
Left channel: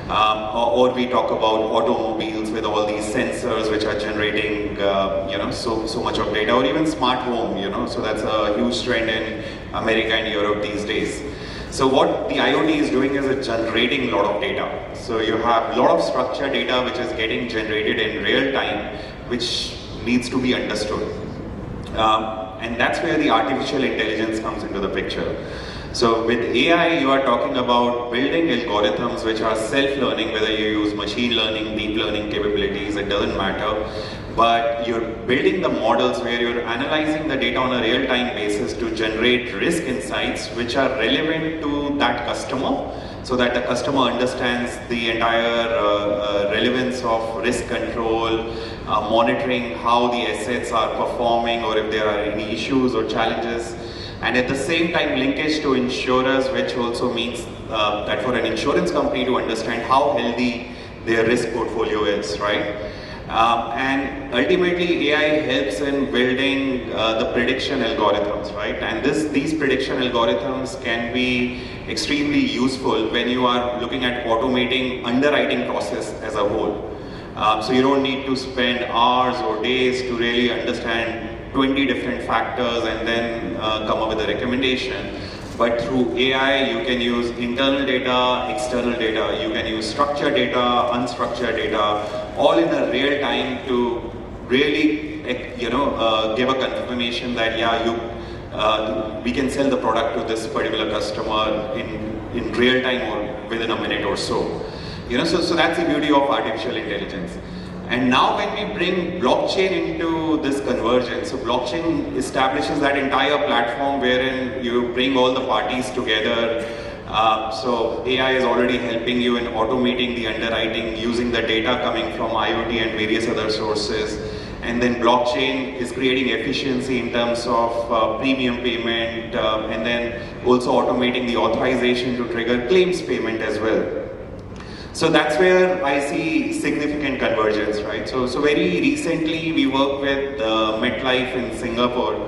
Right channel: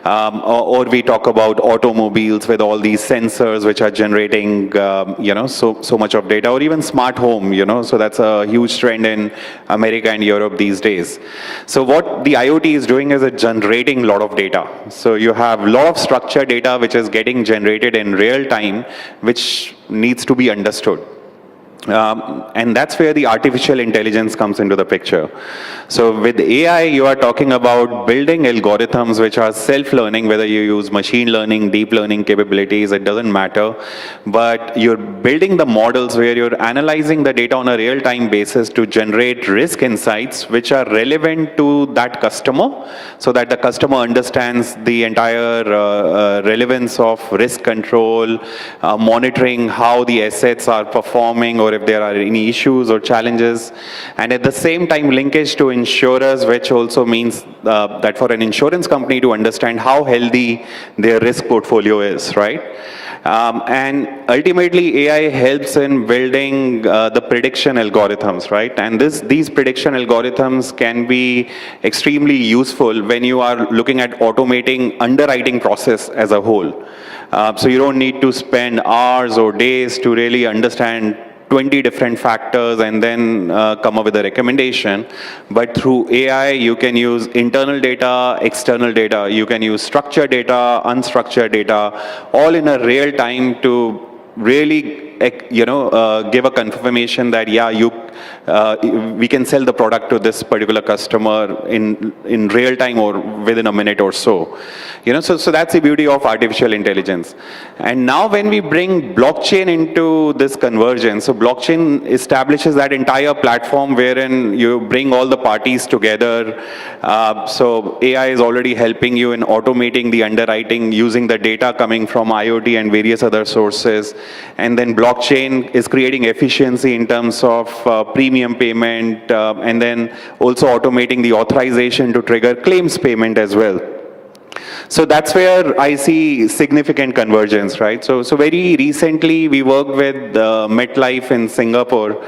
Or we talk about automobiles with all these sensors which are generating, so much of data, or even smart home, so that's a huge trend in America and Europe these days. So what the IoT is doing is it's generating a lot of data. So you have a lot of structured data which is getting generated in real time, which needs to be understood. And that's where the artificial intelligence comes into the picture. So with AI, you are talking about building algorithms which are self-learning, whether you use machine learning, deep learning capabilities, it doesn't matter. But you're building the models where you're analyzing the data on a real-time basis to generate risk insights which are relevant to that customer, so that the customer understands the entire relevance of risk control, monitoring how the assets are performing, or if there are any issues or challenges. And at the same time, linkage to insurers, which also means that for an insurance company to understand how healthy their risk portfolio is, right? And ultimately, AI helps in building the prediction algorithms, right? And these prediction algorithms can be extremely useful when you are looking at automating underwriting process as a whole. So you don't need to spend hours or days to really understand 20 different factors and then come up with a recommendation. But through AI, you can use internal data, external data, you can use structured data, unstructured data, all in a real time to really, give a confirmation that, we can sell the product to this particular customer in real time or within a minute or so. So that's the beauty of artificial intelligence. And now when we bring blockchain into this convergence, so blockchain establishes that entire platform wherein you bring all the parties together. So AI is already helping you in automating the underwriting using the data coming from IoT and various other sources. And then blockchain is creating efficiency in terms of premium payment, and then also automating the authorization to trigger claims payment as well. So that's where I see significant convergence, right? So very recently we worked with MetLife in Singapore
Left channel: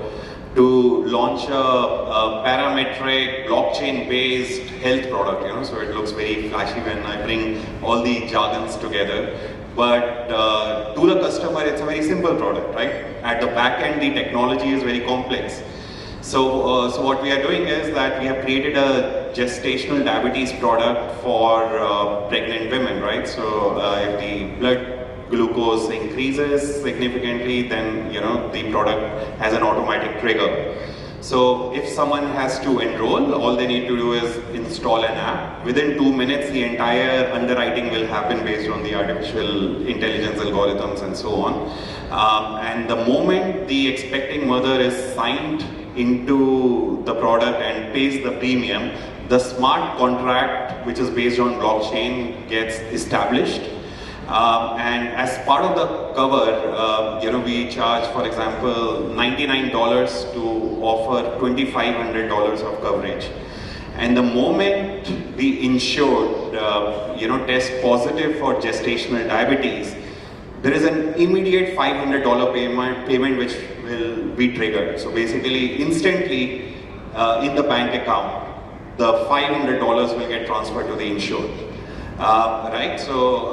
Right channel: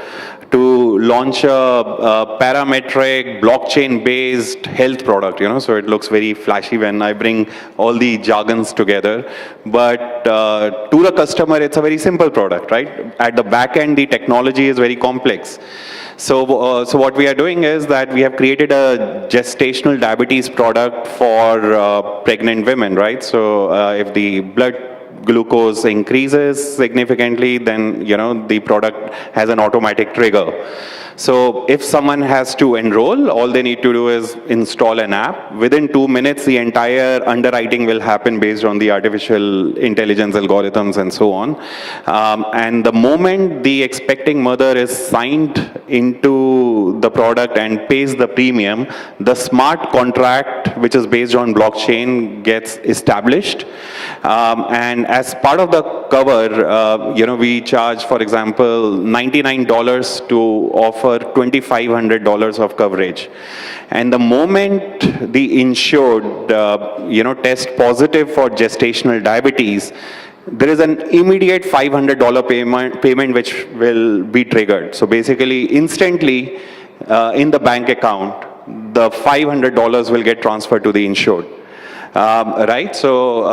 to launch a parametric blockchain-based health product, so it looks very flashy when I bring all the jargons together. But to the customer, it's a very simple product, right? At the back end, the technology is very complex. So what we are doing is that we have created a gestational diabetes product for pregnant women, right? So if the blood glucose increases significantly, then the product has an automatic trigger. So if someone has to enroll, all they need to do is install an app. Within 2 minutes, the entire underwriting will happen based on the artificial intelligence algorithms and so on. And the moment the expecting mother is signed into the product and pays the premium, the smart contract, which is based on blockchain, gets established. And as part of the cover, we charge, for example, $99 to offer $2,500 of coverage. And the moment the insured, test positive for gestational diabetes, there is an immediate $500 payment which will be triggered. So basically, instantly in the bank account, the $500 will get transferred to the insured. Right, so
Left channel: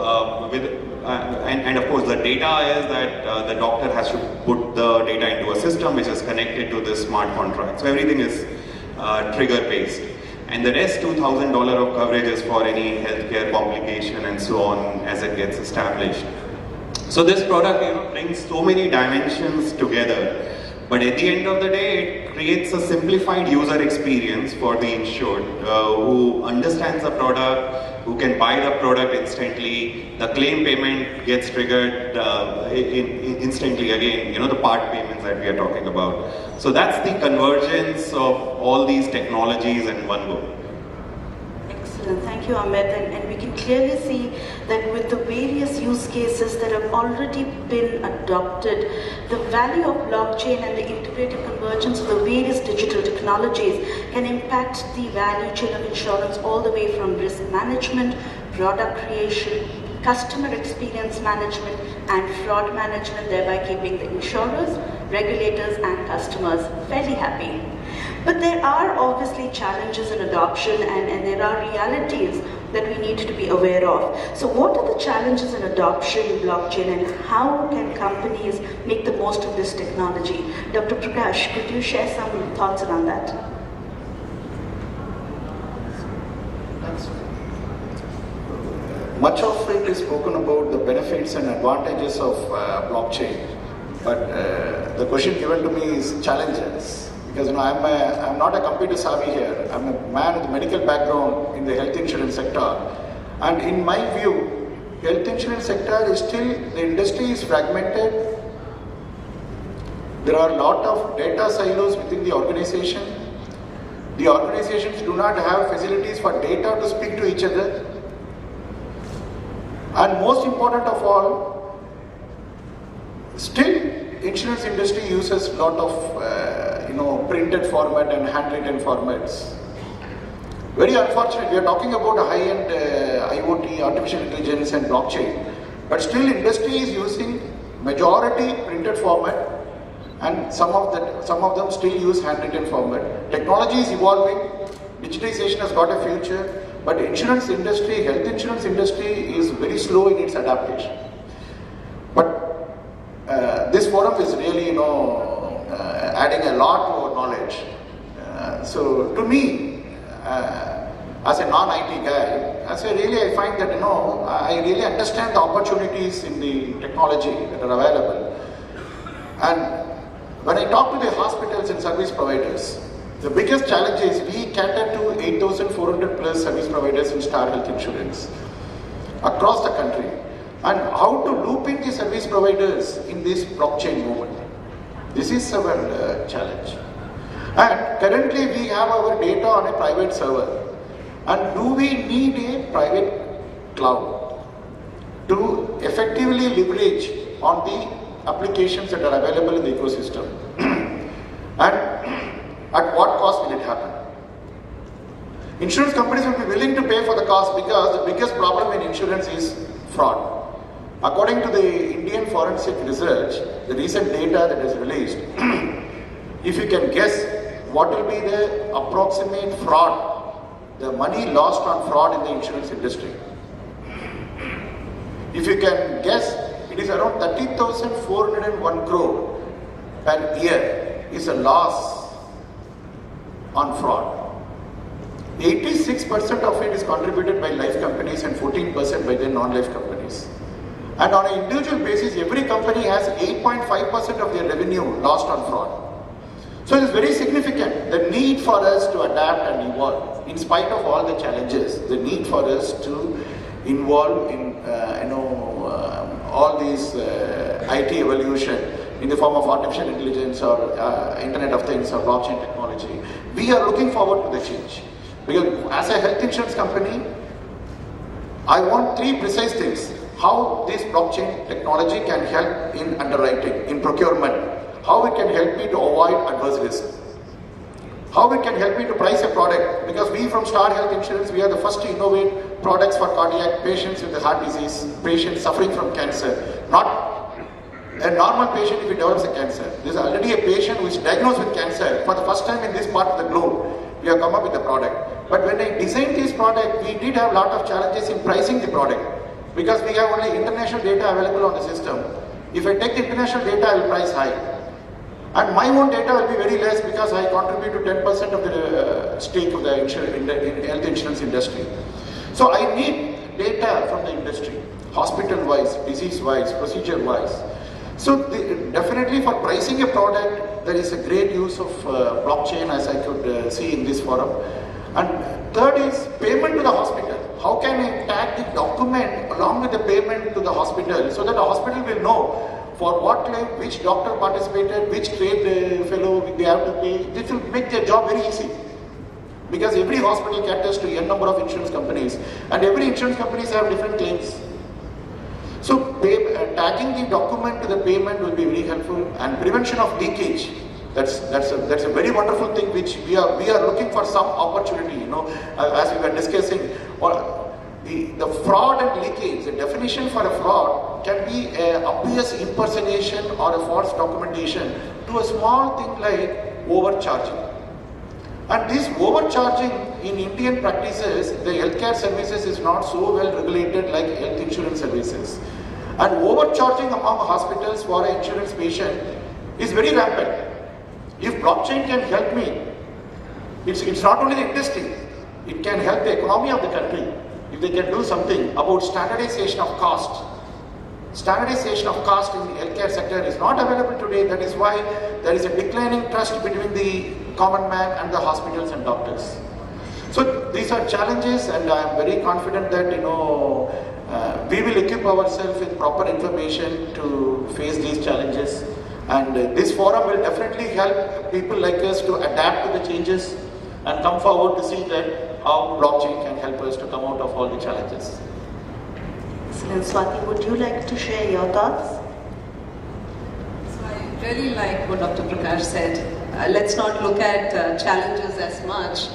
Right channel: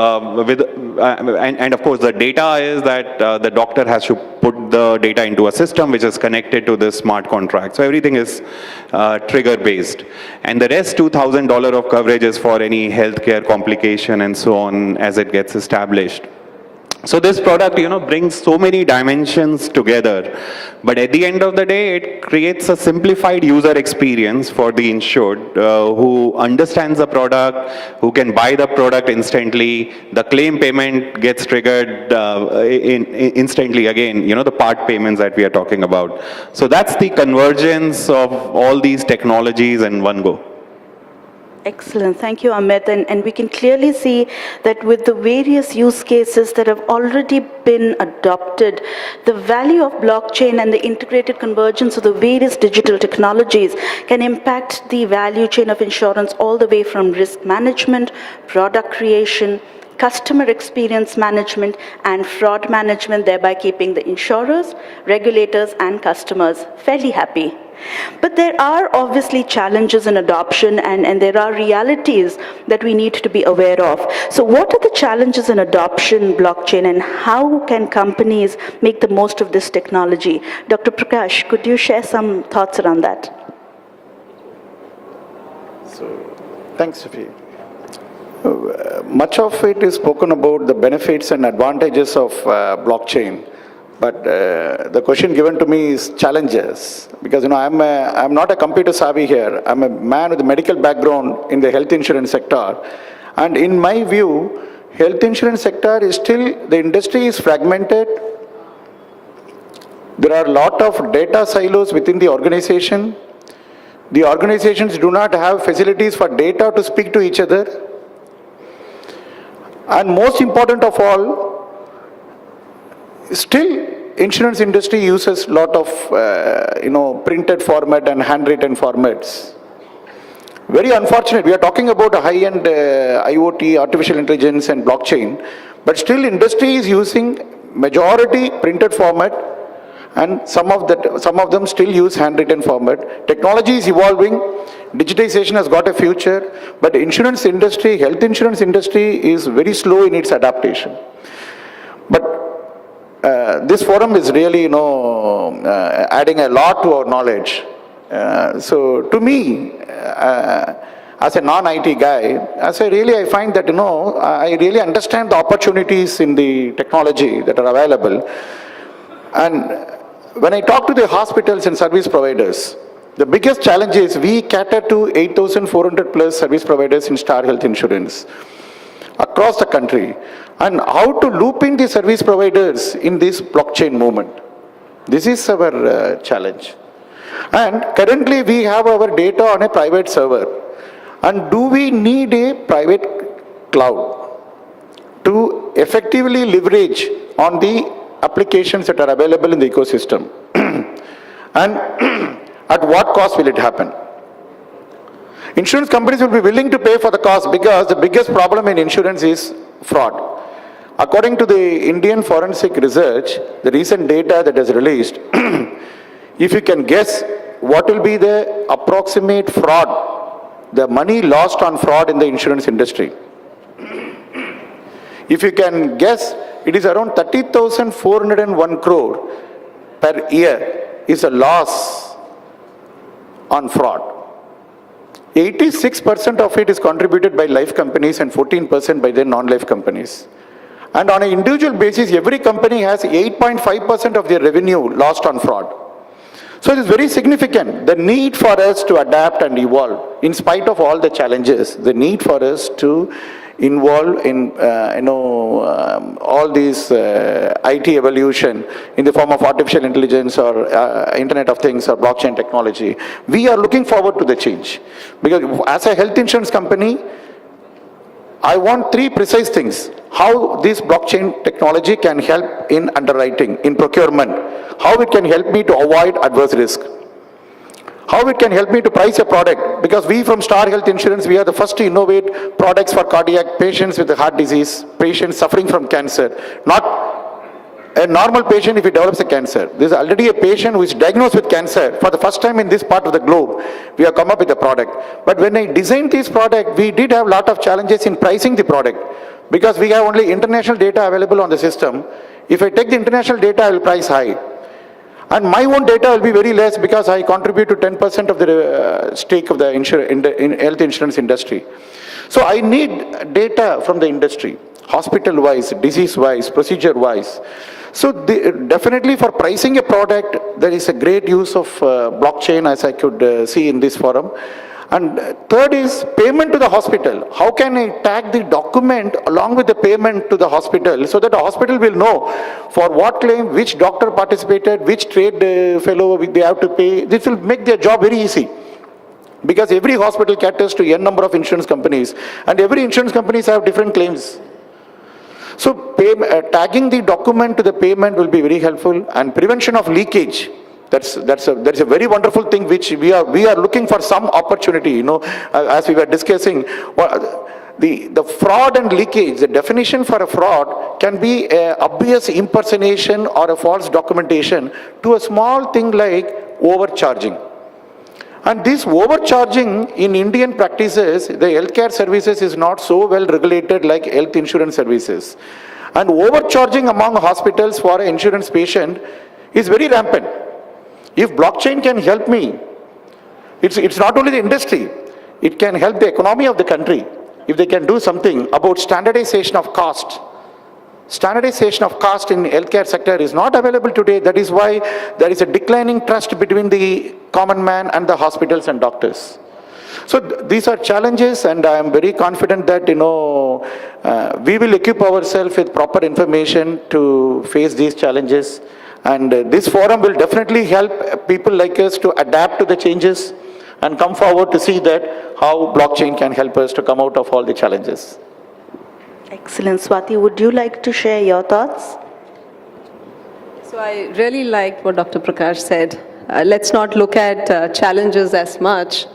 and of course the data is that the doctor has to put the data into a system which is connected to this smart contract. So everything is trigger based, and the rest $2,000 of coverage is for any healthcare complication and so on as it gets established. So this product, brings so many dimensions together. But at the end of the day, it creates a simplified user experience for the insured who understands the product, who can buy the product instantly. The claim payment gets triggered instantly again, the part payments that we are talking about. So that's the convergence of all these technologies in one go. Excellent. Thank you, Amit. And we can clearly see that with the various use cases that have already been adopted, the value of blockchain and the integrated convergence of the various digital technologies can impact the value chain of insurance all the way from risk management, product creation, customer experience management, and fraud management, thereby keeping the insurers, regulators, and customers fairly happy. But there are obviously challenges in adoption, and there are realities that we need to be aware of. So what are the challenges in adoption blockchain, and how can companies make the most of this technology? Dr. Prakash, could you share some thoughts around that? Thanks, Sophie. Much of it is spoken about the benefits and advantages of blockchain, but the question given to me is challenges. Because I'm not a computer savvy here. I'm a man with a medical background in the health insurance sector, and in my view, health insurance sector is still, the industry is fragmented. There are a lot of data silos within the organization. The organizations do not have facilities for data to speak to each other. And most important of all, still insurance industry uses a lot of printed format and handwritten formats. Very unfortunate. We are talking about a high-end IoT, artificial intelligence and blockchain, but still industry is using majority printed format, and some of them still use handwritten format. Technology is evolving, digitization has got a future, but insurance industry, health insurance industry is very slow in its adaptation. But this forum is really, adding a lot to our knowledge. So to me, as a non-IT guy, I find that, I really understand the opportunities in the technology that are available. And when I talk to the hospitals and service providers, the biggest challenge is we cater to 8,400 plus service providers in Star Health Insurance across the country. And how to loop in the service providers in this blockchain movement. This is our challenge. And currently we have our data on a private server. And do we need a private cloud to effectively leverage on the applications that are available in the ecosystem? And at what cost will it happen? Insurance companies will be willing to pay for the cost, because the biggest problem in insurance is fraud. According to the Indian Forensic Research, the recent data that is released, if you can guess what will be the approximate fraud, the money lost on fraud in the insurance industry. If you can guess, it is around 30,401 crore per year is a loss on fraud. 86% of it is contributed by life companies and 14% by the non-life companies. And on an individual basis, every company has 8.5% of their revenue lost on fraud. So it's very significant, the need for us to adapt and evolve. In spite of all the challenges, the need for us to involve in all these IT evolution in the form of artificial intelligence or Internet of Things or blockchain technology. We are looking forward to the change. Because as a health insurance company, I want three precise things. How this blockchain technology can help in underwriting, in procurement. How it can help me to avoid adverse risk. How it can help me to price a product. Because we from Star Health Insurance, we are the first to innovate products for cardiac patients with heart disease, patients suffering from cancer. Not a normal patient if he develops a cancer. There is already a patient who is diagnosed with cancer. For the first time in this part of the globe, we have come up with a product. But when I designed this product, we did have a lot of challenges in pricing the product. Because we have only international data available on the system. If I take the international data, I will price high. And my own data will be very less because I contribute to 10% of the stake of the health insurance industry. So I need data from the industry, hospital-wise, disease-wise, procedure-wise. So definitely for pricing a product, there is a great use of blockchain as I could see in this forum. And third is payment to the hospital. How can I tag the document along with the payment to the hospital so that the hospital will know for what claim, which doctor participated, which trade fellow they have to pay. This will make their job very easy. Because every hospital caters to n number of insurance companies and every insurance companies have different claims. So tagging the document to the payment will be very helpful, and prevention of leakage. That's a very wonderful thing which we are looking for some opportunity, as we were discussing. The fraud and leakage, the definition for a fraud can be an obvious impersonation or a false documentation to a small thing like overcharging. And this overcharging in Indian practices, the healthcare services is not so well regulated like health insurance services. And overcharging among hospitals for an insurance patient is very rampant. If blockchain can help me, it's not only the industry, it can help the economy of the country. If they can do something about standardization of cost. Standardization of cost in the healthcare sector is not available today. That is why there is a declining trust between the common man and the hospitals and doctors. So these are challenges, and I am very confident that we will equip ourselves with proper information to face these challenges. And this forum will definitely help people like us to adapt to the changes and come forward to see that how blockchain can help us to come out of all the challenges. Excellent. Swati, would you like to share your thoughts? So I really like what Dr. Prakash said. Let's not look at challenges as much.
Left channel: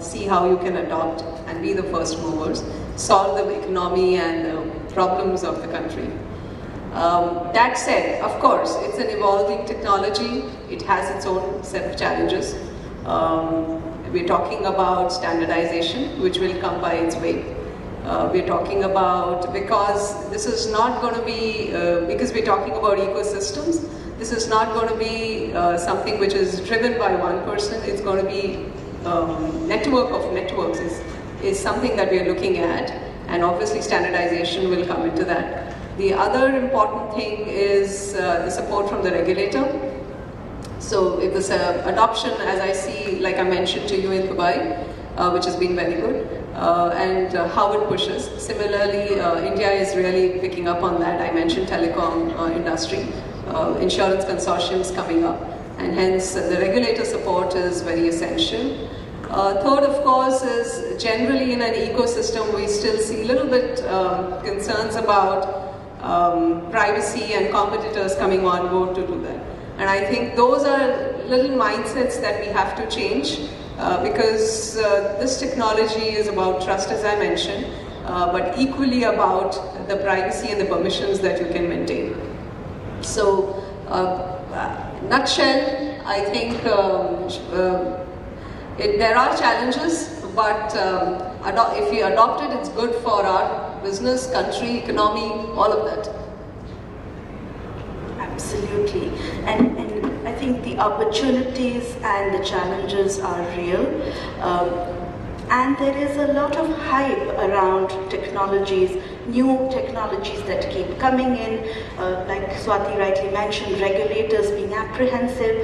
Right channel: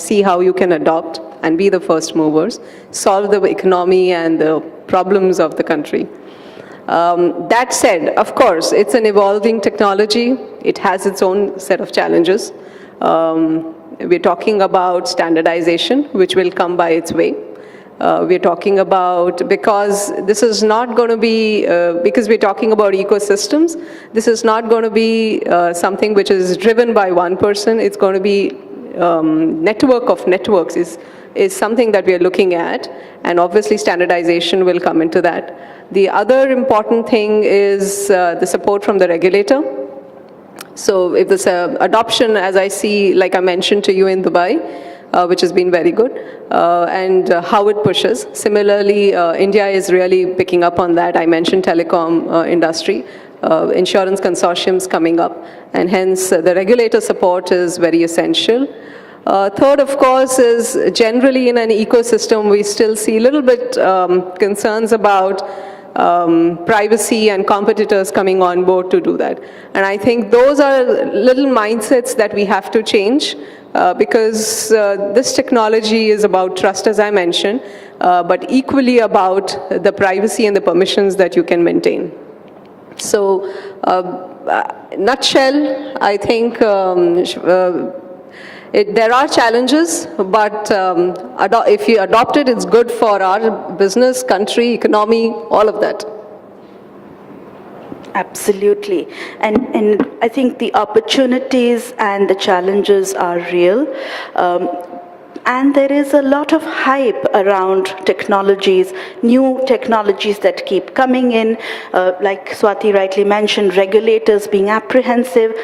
See how you can adopt and be the first movers, solve the economy and the problems of the country. That said, of course, it's an evolving technology. It has its own set of challenges. We're talking about standardization, which will come by its way. We're talking about, because this is not going to be, because we're talking about ecosystems, this is not going to be something which is driven by one person. It's going to be network of networks is something that we're looking at, and obviously standardization will come into that. The other important thing is the support from the regulator. So if this adoption, as I see, like I mentioned to you in Dubai, which has been very good, and how it pushes. Similarly, India is really picking up on that. I mentioned telecom industry, insurance consortiums coming up, and hence the regulator support is very essential. Third, of course, is generally in an ecosystem, we still see a little bit concerns about privacy and competitors coming on board to do that. And I think those are little mindsets that we have to change because this technology is about trust, as I mentioned, but equally about the privacy and the permissions that you can maintain. So, nutshell, I think there are challenges, but if you adopt it, it's good for our business, country, economy, all of that. Absolutely. And I think the opportunities and the challenges are real. And there is a lot of hype around technologies, new technologies that keep coming in. Like Swati rightly mentioned, regulators being apprehensive.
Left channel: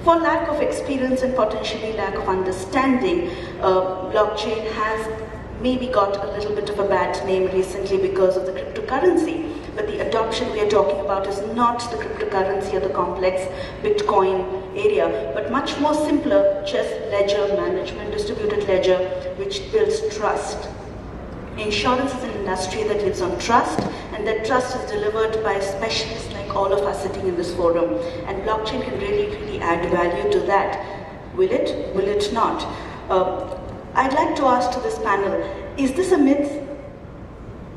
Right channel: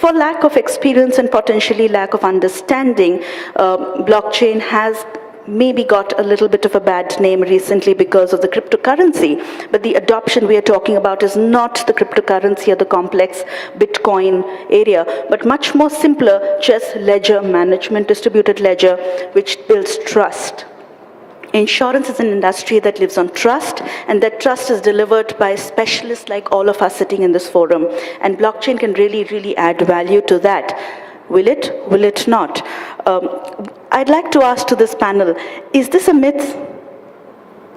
For lack of experience and potentially lack of understanding, blockchain has maybe got a little bit of a bad name recently because of the cryptocurrency. But the adoption we are talking about is not the cryptocurrency or the complex Bitcoin area, but much more simpler, just ledger management, distributed ledger, which builds trust. Insurance is an industry that lives on trust, and that trust is delivered by specialists like all of us sitting in this forum. And blockchain can really, really add value to that. Will it? Will it not? I'd like to ask to this panel, is this a myth?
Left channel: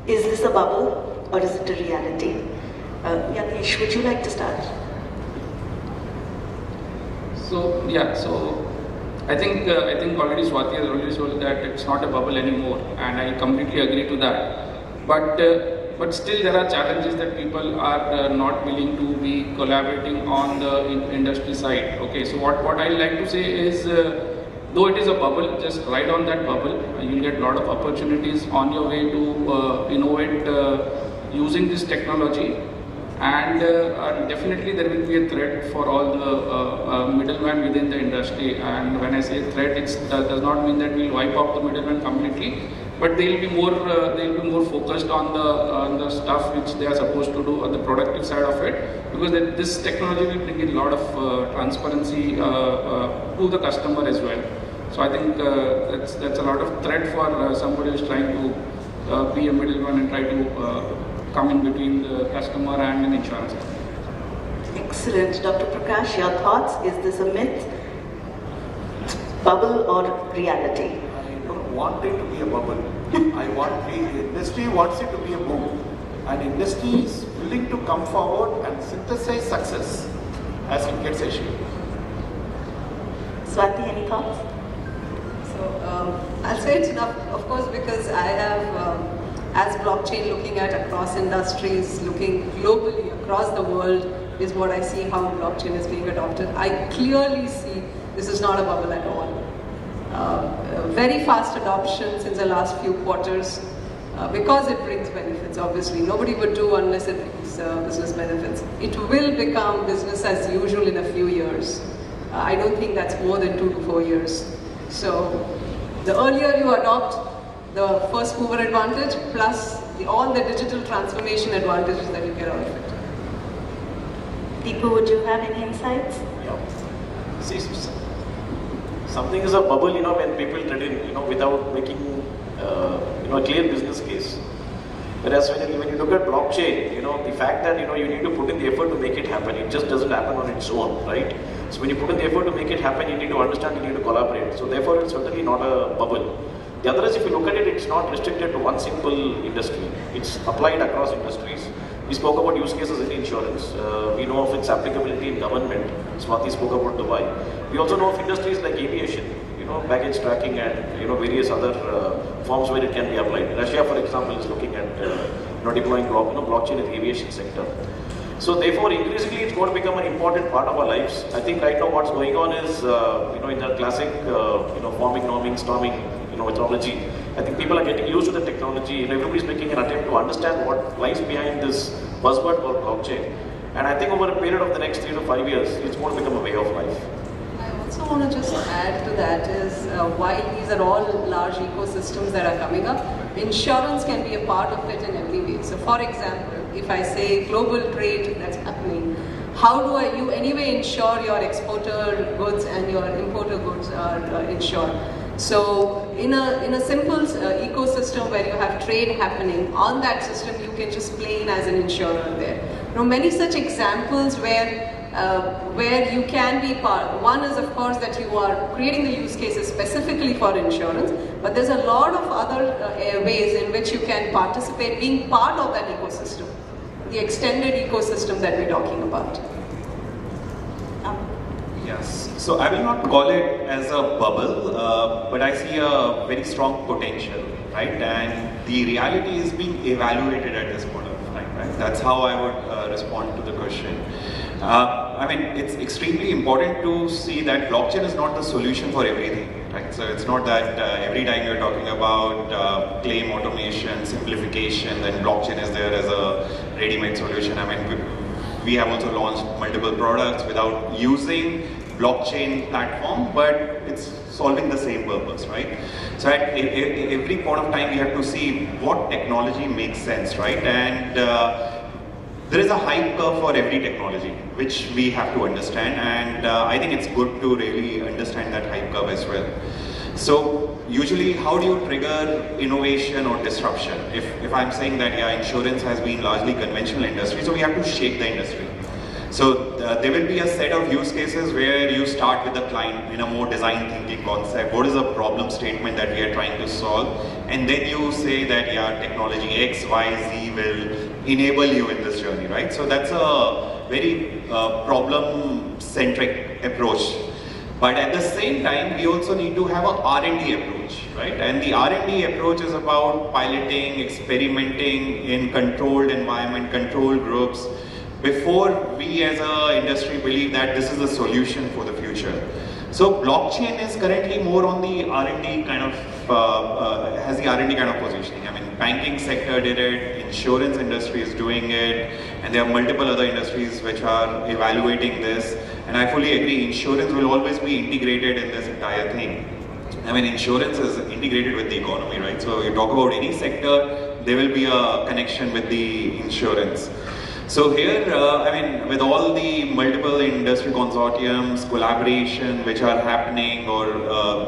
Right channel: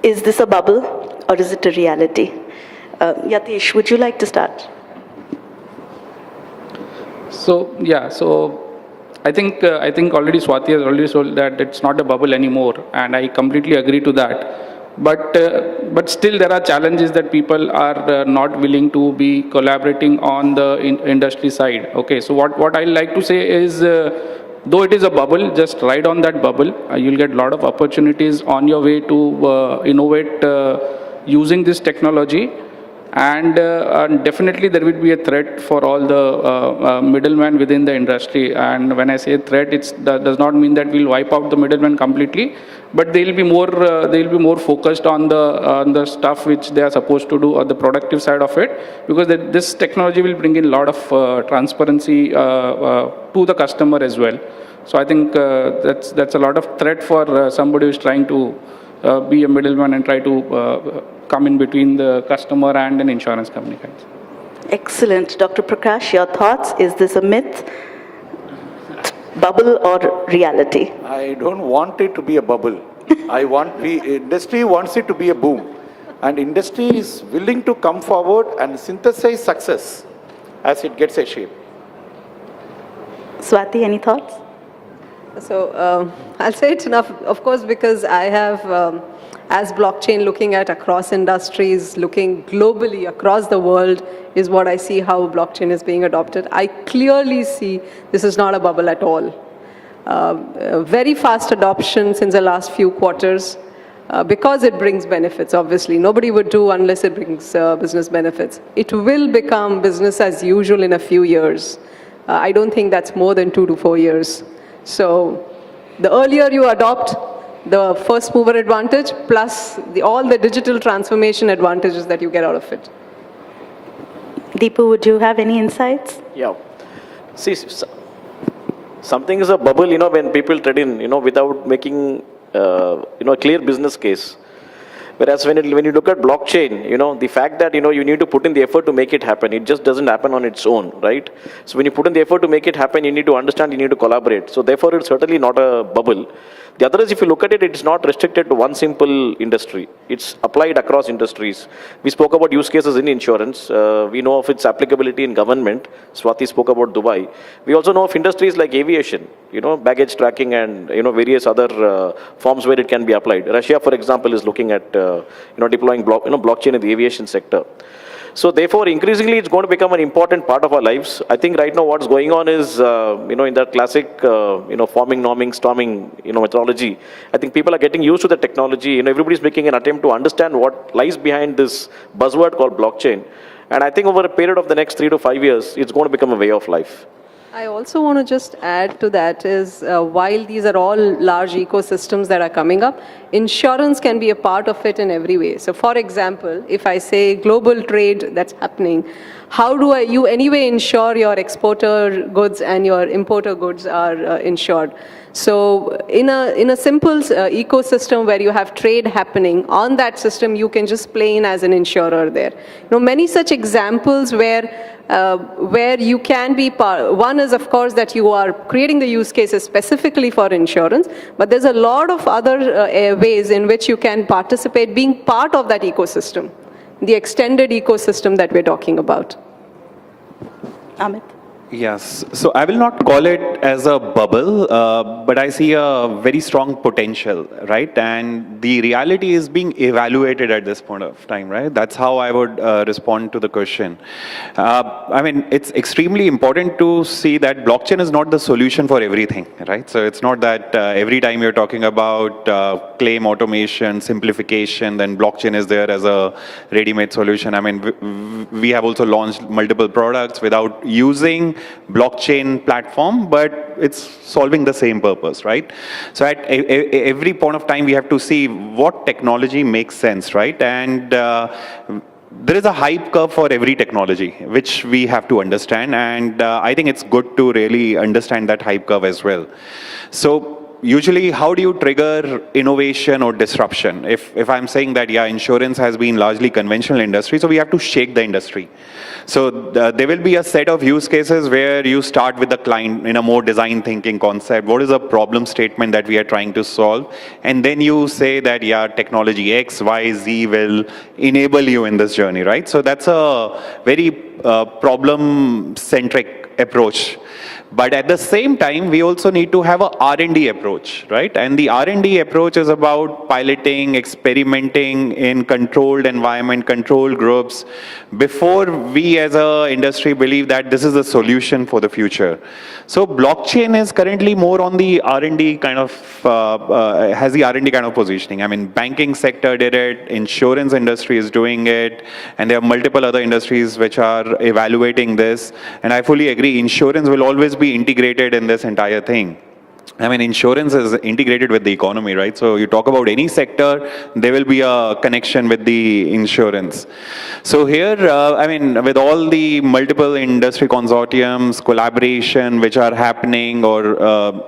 Is this a bubble? Or is it a reality? Yatish, would you like to start? So I think already Swati has already told that it's not a bubble anymore, and I completely agree to that. But still there are challenges that people are not willing to be collaborating on the industry side. Okay, so what I like to say is, though it is a bubble, just ride on that bubble. You'll get a lot of opportunities on your way to innovate using this technology. And definitely there will be a threat for all the middlemen within the industry. And when I say threat, that does not mean that we'll wipe out the middlemen completely, but they will be more focused on the stuff which they are supposed to do, on the productive side of it, because this technology will bring in a lot of transparency to the customer as well. So I think that's a lot of threat for somebody who is trying to be a middleman and try to come in between the customer and an insurance company. Excellent. Dr. Prakash, your thoughts? Is this a myth, bubble, or reality? I don't want it to be a bubble. Industry wants it to be a boom. And industry is willing to come forward and synthesize success as it gets a shape. Swati, any thoughts? So I'll say it's enough, of course, because I have, as blockchain, looking at across industries, looking globally across the world, is what I see how blockchain is being adopted. I clearly see this is not a bubble at all. Very fast adoption since the last few quarters, because it brings benefits. Obviously, nobody will do unless it brings business benefits. It will become business as usual in a few years. I don't think that's more than 2 to 4 years. So the earlier you adopt, the first mover advantage plus all the digital transformation advantages that you get out of it. Deepu, would you have any insights? Yeah. See, something is a bubble, when people trade in, without making, a clear business case. Whereas when you look at blockchain, the fact that, you need to put in the effort to make it happen, it just doesn't happen on its own, right? So when you put in the effort to make it happen, you need to understand, you need to collaborate. So therefore, it's certainly not a bubble. The other is, if you look at it, it's not restricted to one simple industry. It's applied across industries. We spoke about use cases in insurance. We know of its applicability in government. Swati spoke about Dubai. We also know of industries like aviation, baggage tracking and, various other forms where it can be applied. Russia, for example, is looking at, deploying blockchain in the aviation sector. So therefore, increasingly, it's going to become an important part of our lives. I think right now what's going on is, in that classic, forming, norming, storming, methodology. I think people are getting used to the technology. Everybody's making an attempt to understand what lies behind this buzzword called blockchain. And I think over a period of the next 3 to 5 years, it's going to become a way of life. I also want to just add to that is, while these are all large ecosystems that are coming up, insurance can be a part of it in every way. So for example, if I say global trade that's happening, how do you anyway ensure your exporter goods and your importer goods are insured? So in a simple ecosystem where you have trade happening, on that system you can just play in as an insurer there. Many such examples where you can be part. One is, of course, that you are creating the use cases specifically for insurance, but there's a lot of other ways in which you can participate, being part of that ecosystem, the extended ecosystem that we're talking about. Yes, so I will not call it as a bubble, but I see a very strong potential, right? And the reality is being evaluated at this point of time, right? That's how I would respond to the question. I mean, it's extremely important to see that blockchain is not the solution for everything, right? So it's not that every time you're talking about claim automation, simplification, then blockchain is there as a ready-made solution. I mean, we have also launched multiple products without using blockchain platform, but it's solving the same purpose, right? So at every point of time, we have to see what technology makes sense, right? And there is a hype curve for every technology, which we have to understand. And I think it's good to really understand that hype curve as well. So usually, how do you trigger innovation or disruption? If I'm saying that, yeah, insurance has been largely conventional industry, so we have to shake the industry. So there will be a set of use cases where you start with the client in a more design thinking concept. What is the problem statement that we are trying to solve? And then you say that, yeah, technology X, Y, Z will enable you in this journey, right? So that's a very problem-centric approach. But at the same time, we also need to have a R&D approach, right? And the R&D approach is about piloting, experimenting in controlled environment, controlled groups, before we as an industry believe that this is the solution for the future. So blockchain is currently more on the R&D kind of, has the R&D kind of positioning. I mean, banking sector did it, insurance industry is doing it, and there are multiple other industries which are evaluating this. And I fully agree, insurance will always be integrated in this entire thing. I mean, insurance is integrated with the economy, right? So you talk about any sector, there will be a connection with the insurance. So here, I mean, with all the multiple industry consortiums, collaboration which are happening, or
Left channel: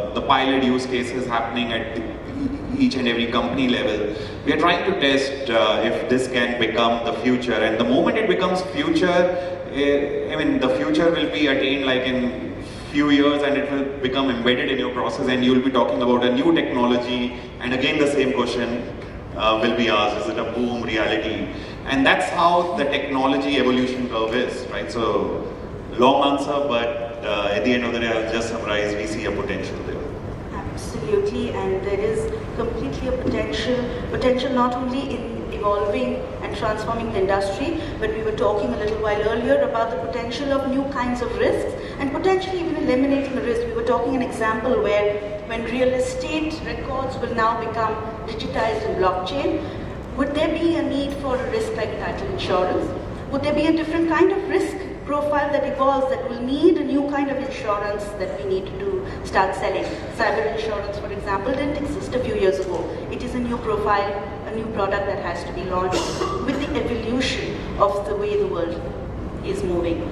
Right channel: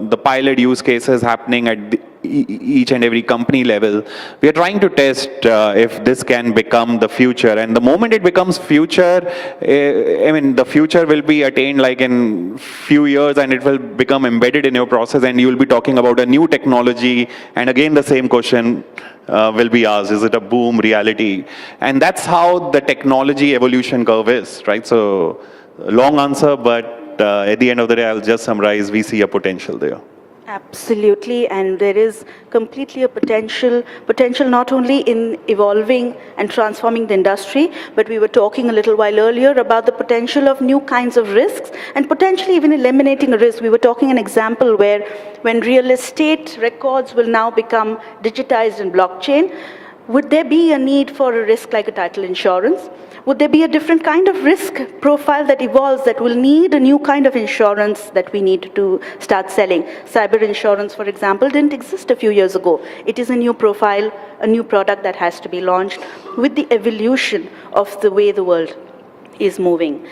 the pilot use cases happening at each and every company level, we are trying to test if this can become the future. And the moment it becomes future, I mean, the future will be attained like in few years, and it will become embedded in your process, and you will be talking about a new technology, and again the same question will be asked, is it a boom reality? And that's how the technology evolution curve is, right? So long answer, but at the end of the day, I'll just summarize, we see a potential there. Absolutely, and there is completely a potential not only in evolving and transforming the industry, but we were talking a little while earlier about the potential of new kinds of risks and potentially even eliminating a risk. We were talking an example where when real estate records will now become digitized in blockchain, would there be a need for a risk like a title insurance? Would there be a different kind of risk profile that evolves that will need a new kind of insurance that we need to start selling? Cyber insurance, for example, didn't exist a few years ago. It is a new profile, a new product that has to be launched with the evolution of the way the world is moving.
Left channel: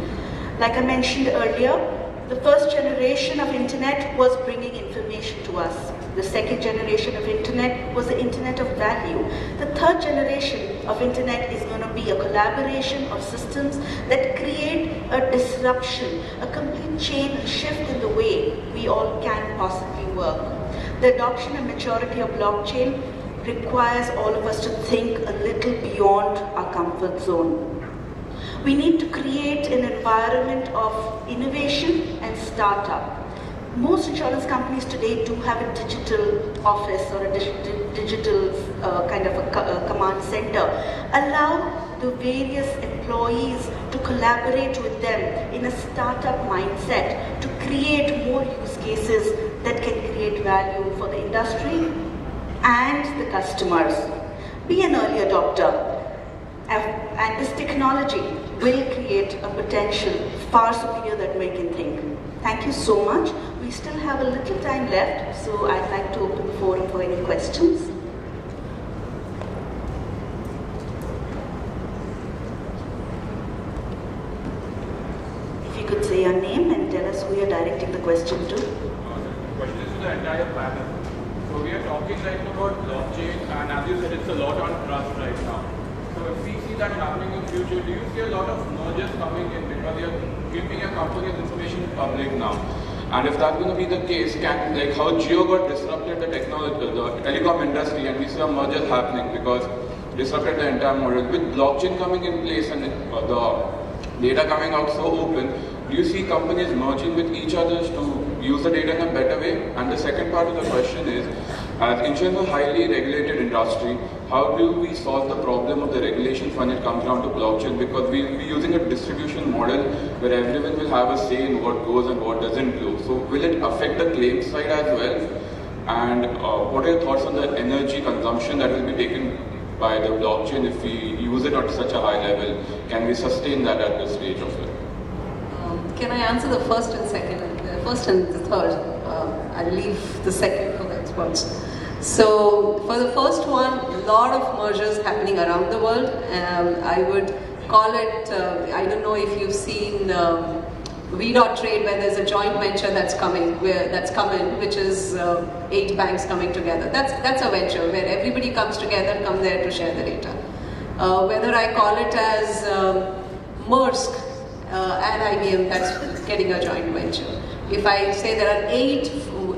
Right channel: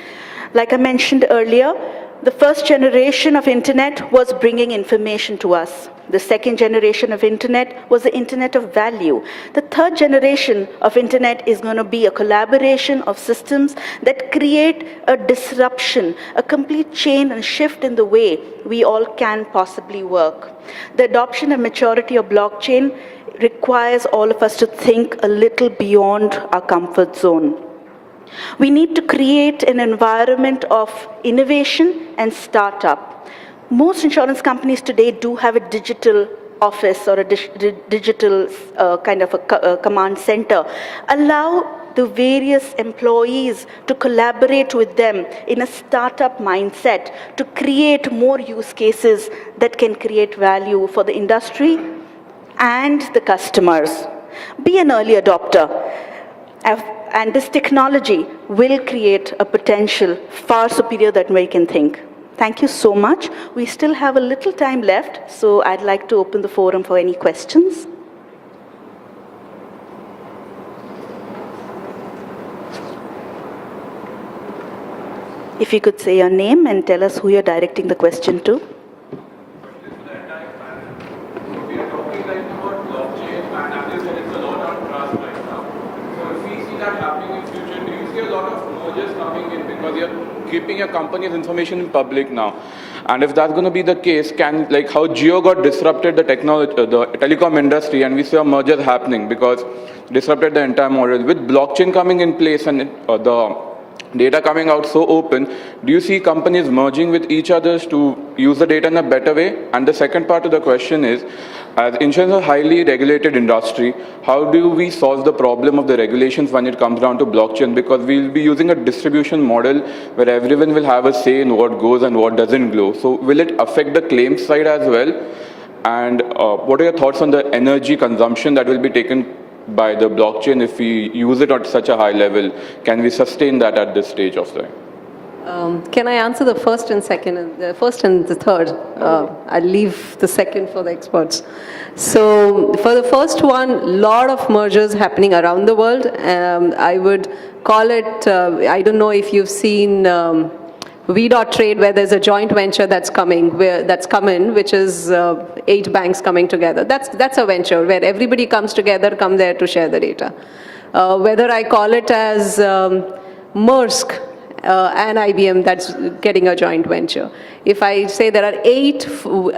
Like I mentioned earlier, the first generation of internet was bringing information to us. The second generation of internet was the internet of value. The third generation of internet is going to be a collaboration of systems that create a disruption, a complete change and shift in the way we all can possibly work. The adoption and maturity of blockchain requires all of us to think a little beyond our comfort zone. We need to create an environment of innovation and startup. Most insurance companies today do have a digital office or a digital kind of a command center. Allow the various employees to collaborate with them in a startup mindset to create more use cases that can create value for the industry and the customers. Be an early adopter. And this technology will create a potential far superior than we can think. Thank you so much. We still have a little time left, so I'd like to open the forum for any questions. If you could say your name and tell us who you're directing the question to. Keeping your company's information in public now, and if that's going to be the case, can like how Jio got disrupted the technology, the telecom industry, and we saw mergers happening because disrupted the entire model. With blockchain coming in place and the data coming out so open, do you see companies merging with each other to use the data in a better way? And the second part of the question is, as insurance is a highly regulated industry, how do we solve the problem of the regulations when it comes down to blockchain? Because we'll be using a distribution model where everyone will have a say in what goes and what doesn't go. So will it affect the claims side as well? And what are your thoughts on the energy consumption that will be taken by the blockchain if we use it at such a high level? Can we sustain that at this stage of time? Can I answer the first and the third? I'll leave the second for the experts. So for the first one, lot of mergers happening around the world. I would call it, I don't know if you've seen V.Trade, where there's a joint venture that's come in, which is 8 banks coming together. That's a venture where everybody comes together, come there to share the data. Whether I call it as Maersk and IBM, that's getting a joint venture. If I say there are 8,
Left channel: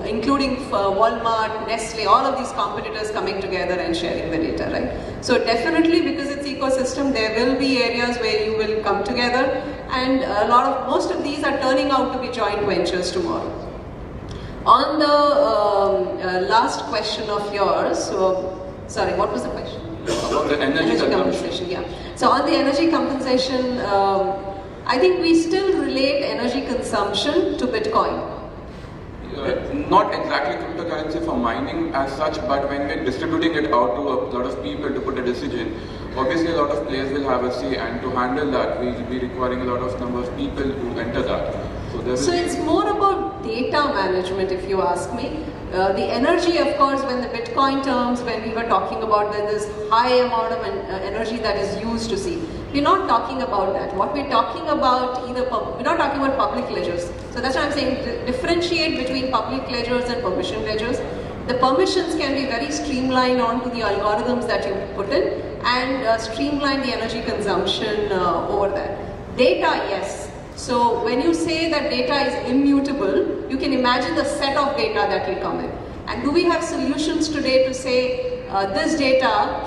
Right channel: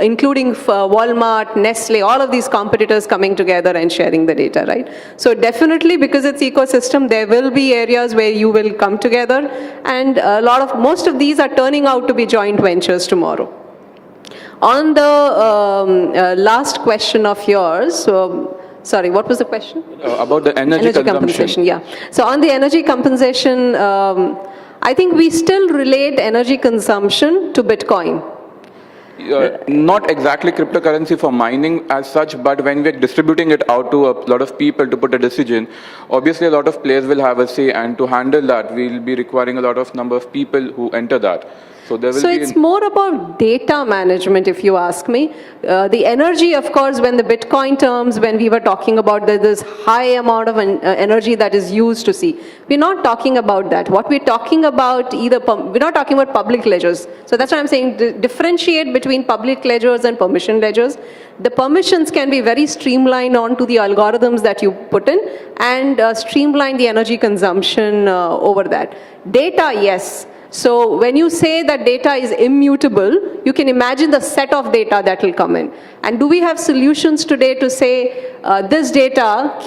including Walmart, Nestle, all of these competitors coming together and sharing the data, right? So definitely, because it's ecosystem, there will be areas where you will come together, and most of these are turning out to be joint ventures tomorrow. On the last question of yours, sorry, what was the question? About the energy compensation. Yeah. So on the energy compensation, I think we still relate energy consumption to Bitcoin. Not exactly cryptocurrency for mining as such, but when we're distributing it out to a lot of people to put a decision, obviously a lot of players will have a say, and to handle that, we'll be requiring a lot of number of people who enter that. So it's more about data management, if you ask me. The energy, of course, when the Bitcoin terms, when we were talking about that, this high amount of energy that is used to see. We're not talking about that. What we're talking about, we're not talking about public ledgers. So that's why I'm saying differentiate between public ledgers and permission ledgers. The permissions can be very streamlined onto the algorithms that you put in, and streamline the energy consumption over that. Data, yes. So when you say that data is immutable, you can imagine the set of data that will come in. And do we have solutions today to say, this data,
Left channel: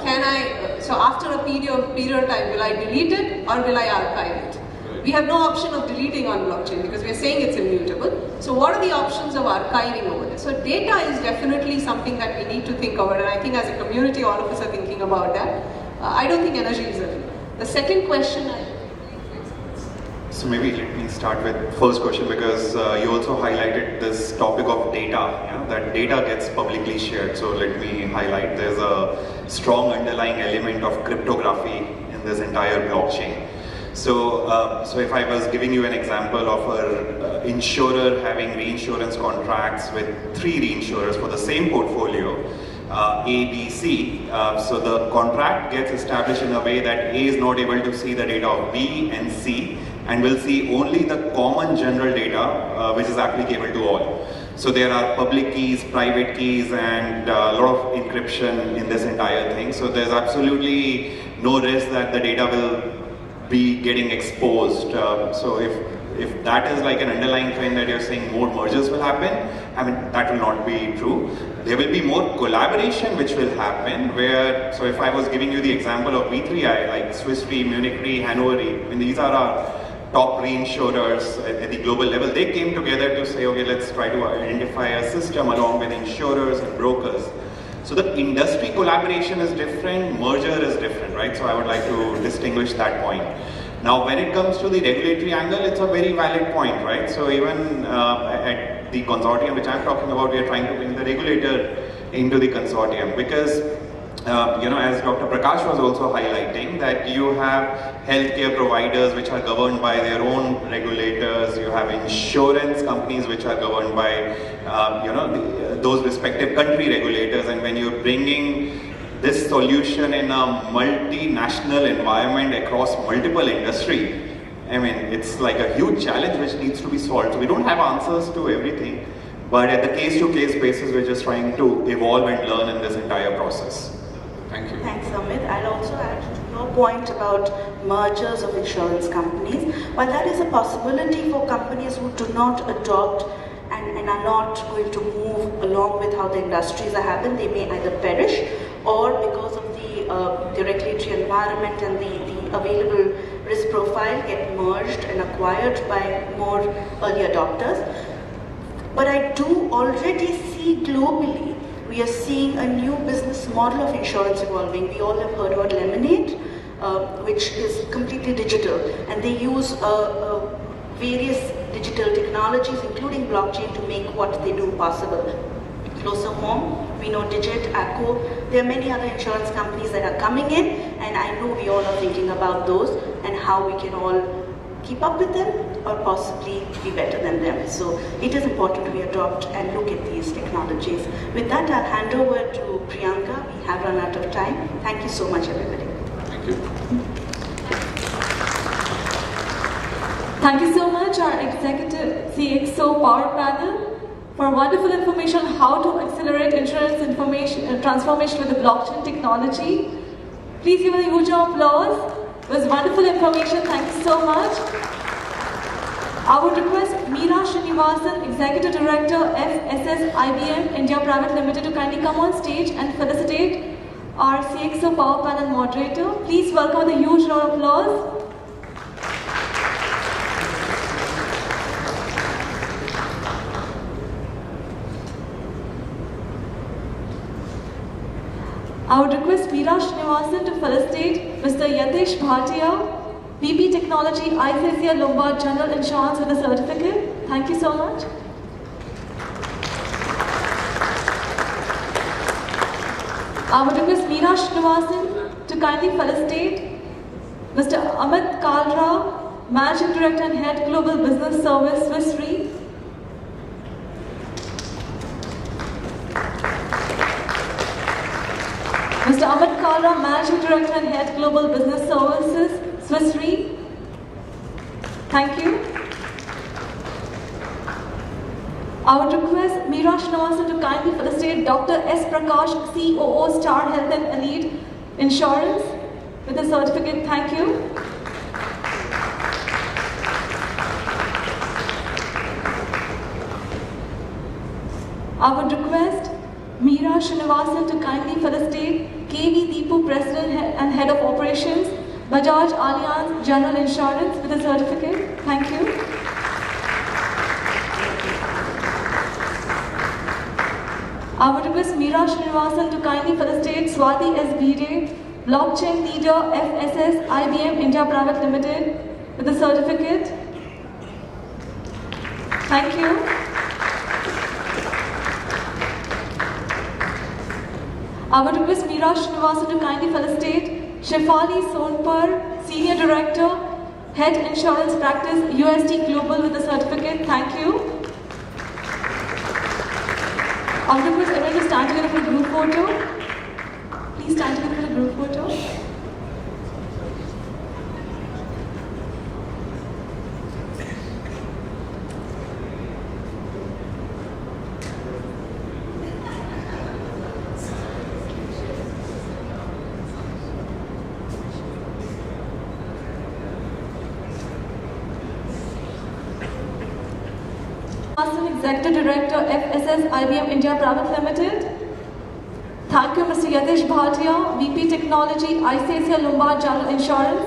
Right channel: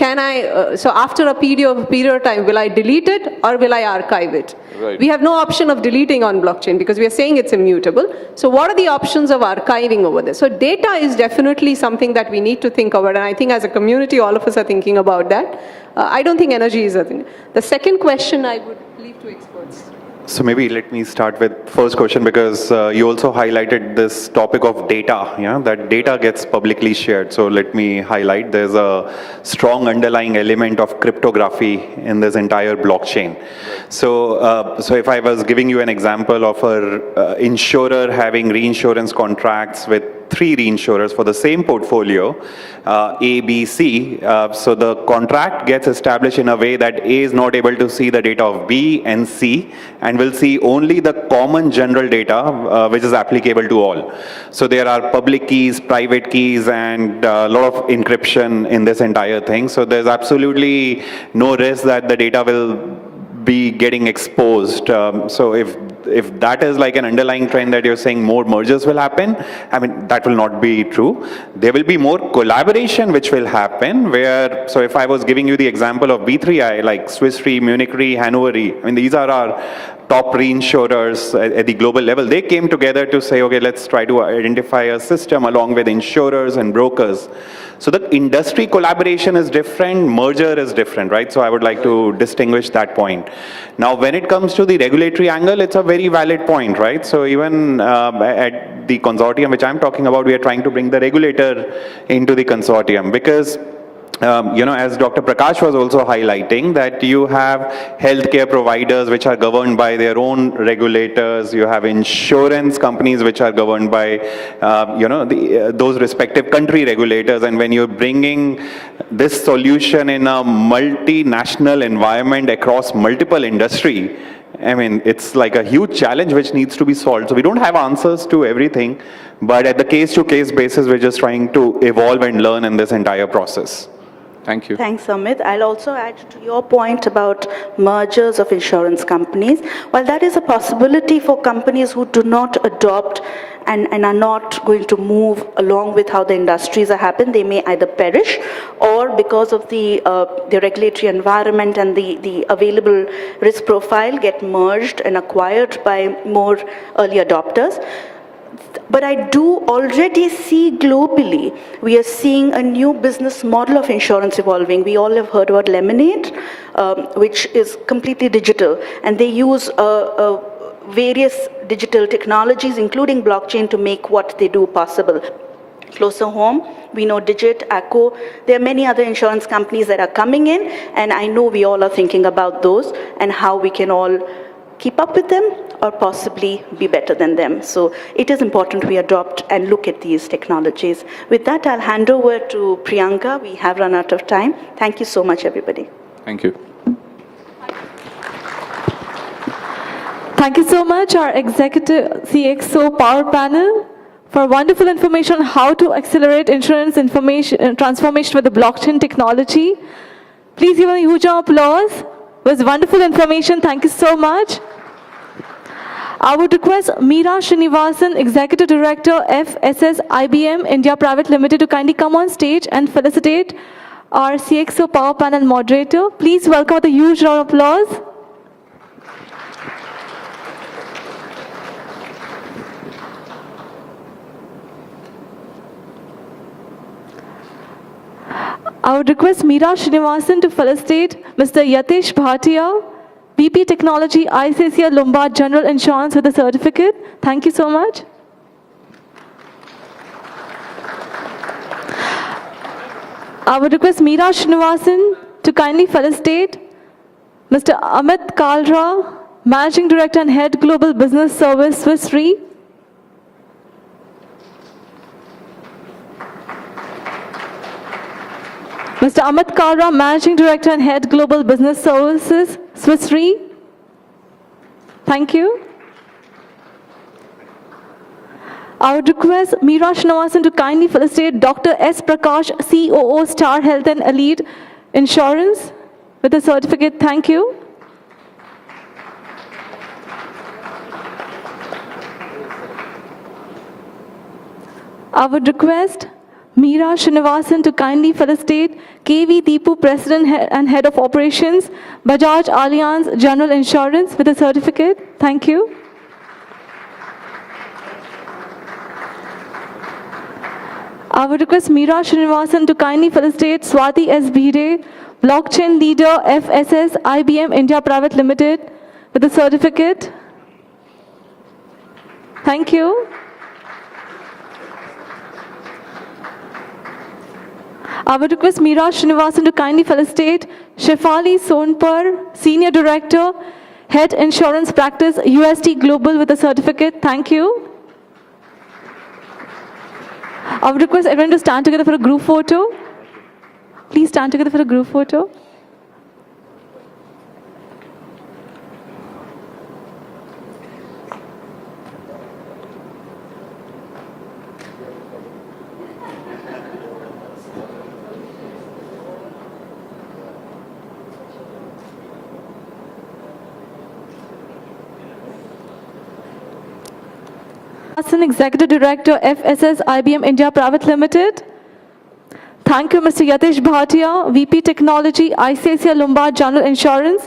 so after a period of time, will I delete it or will I archive it? Right. We have no option of deleting on blockchain because we are saying it's immutable. So what are the options of archiving over there? So data is definitely something that we need to think about, and I think as a community, all of us are thinking about that. I don't think energy is a thing. The second question I would leave to experts. So maybe let me start with first question, because you also highlighted this topic of data, that data gets publicly shared. So let me highlight, there's a strong underlying element of cryptography in this entire blockchain. So, so if I was giving you an example of an insurer having reinsurance contracts with 3 reinsurers for the same portfolio, A, B, C, so the contract gets established in a way that A is not able to see the data of B and C, and will see only the common general data which is applicable to all. So there are public keys, private keys, and a lot of encryption in this entire thing. So there's absolutely no risk that the data will be getting exposed. So if that is like an underlying trend that you're saying more mergers will happen, I mean, that will not be true. There will be more collaboration which will happen where, so if I was giving you the example of B3I, like Swiss Re, Munich Re, Hannover Re, I mean, these are our top reinsurers at the global level. They came together to say, okay, let's try to identify a system along with insurers and brokers. So the industry collaboration is different, merger is different, right? So I would like to distinguish that point. Now, when it comes to the regulatory angle, it's a very valid point, right? So even at the consortium which I'm talking about, we are trying to bring the regulator into the consortium because as Dr. Prakash was also highlighting, that you have healthcare providers which are governed by their own regulators, you have insurance companies which are governed by, those respective country regulators, and when you're bringing this solution in a multinational environment across multiple industry, I mean, it's like a huge challenge which needs to be solved. So we don't have answers to everything, but at the case-to-case basis, we're just trying to evolve and learn in this entire process. Thank you. Thanks, Amit. I'll also add to your point about mergers of insurance companies. While that is a possibility for companies who do not adopt and are not going to move along with how the industries are happening. They may either perish, or because of the regulatory environment and the available risk profile, get merged and acquired by more early adopters. But I do already see globally, we are seeing a new business model of insurance evolving. We all have heard about Lemonade, which is completely digital, and they use various digital technologies, including blockchain, to make what they do possible. Closer home, we know Digit, Acco, there are many other insurance companies that are coming in, and I know we all are thinking about those and how we can all keep up with them or possibly be better than them. So it is important we adopt and look at these technologies. With that, I'll hand over to Priyanka. We have run out of time. Thank you so much, everybody. Thank you. Thank you so much, our executive CXO Power Panel, for wonderful information on how to accelerate insurance information transformation with the blockchain technology. Please give a huge applause. It was wonderful information. Thank you so much. I would request Meera Srinivasan, Executive Director, FSS IBM India Private Limited, to kindly come on stage and felicitate our CXO Power Panel moderator. Please welcome with a huge round of applause. I would request Meera Srinivasan to felicitate Mr. Yatesh Bhatia, VP Technology, ICICI Lombard General Insurance, with a certificate. Thank you so much. I would request Meera Srinivasan to kindly felicitate Mr. Amit Kalra, Managing Director and Head Global Business Service, Swiss Re. Mr. Amit Kalra, Managing Director and Head Global Business Services, Swiss Re. Thank you. I would request Meera Srinivasan to kindly felicitate Dr. S. Prakash, COO, Star Health and Elite Insurance, with a certificate. Thank you. I would request Meera Srinivasan to kindly felicitate KV Deepu, President and Head of Operations, Bajaj Allianz General Insurance, with a certificate. Thank you. I would request Meera Srinivasan to kindly felicitate Swati S. Bhide, Blockchain Leader, FSS IBM India Private Limited, with a certificate. Thank you. I would request Meera Srinivasan to kindly felicitate Shefali Sonpur, Senior Director, Head Insurance Practice, UST Global, with a certificate. Thank you. I would request everyone to stand together for a group photo. Please stand together for a group photo. Executive Director, FSS IBM India Private Limited. Thank you, Mr. Yatesh Bhatia, VP Technology, ICICI Lombard General Insurance.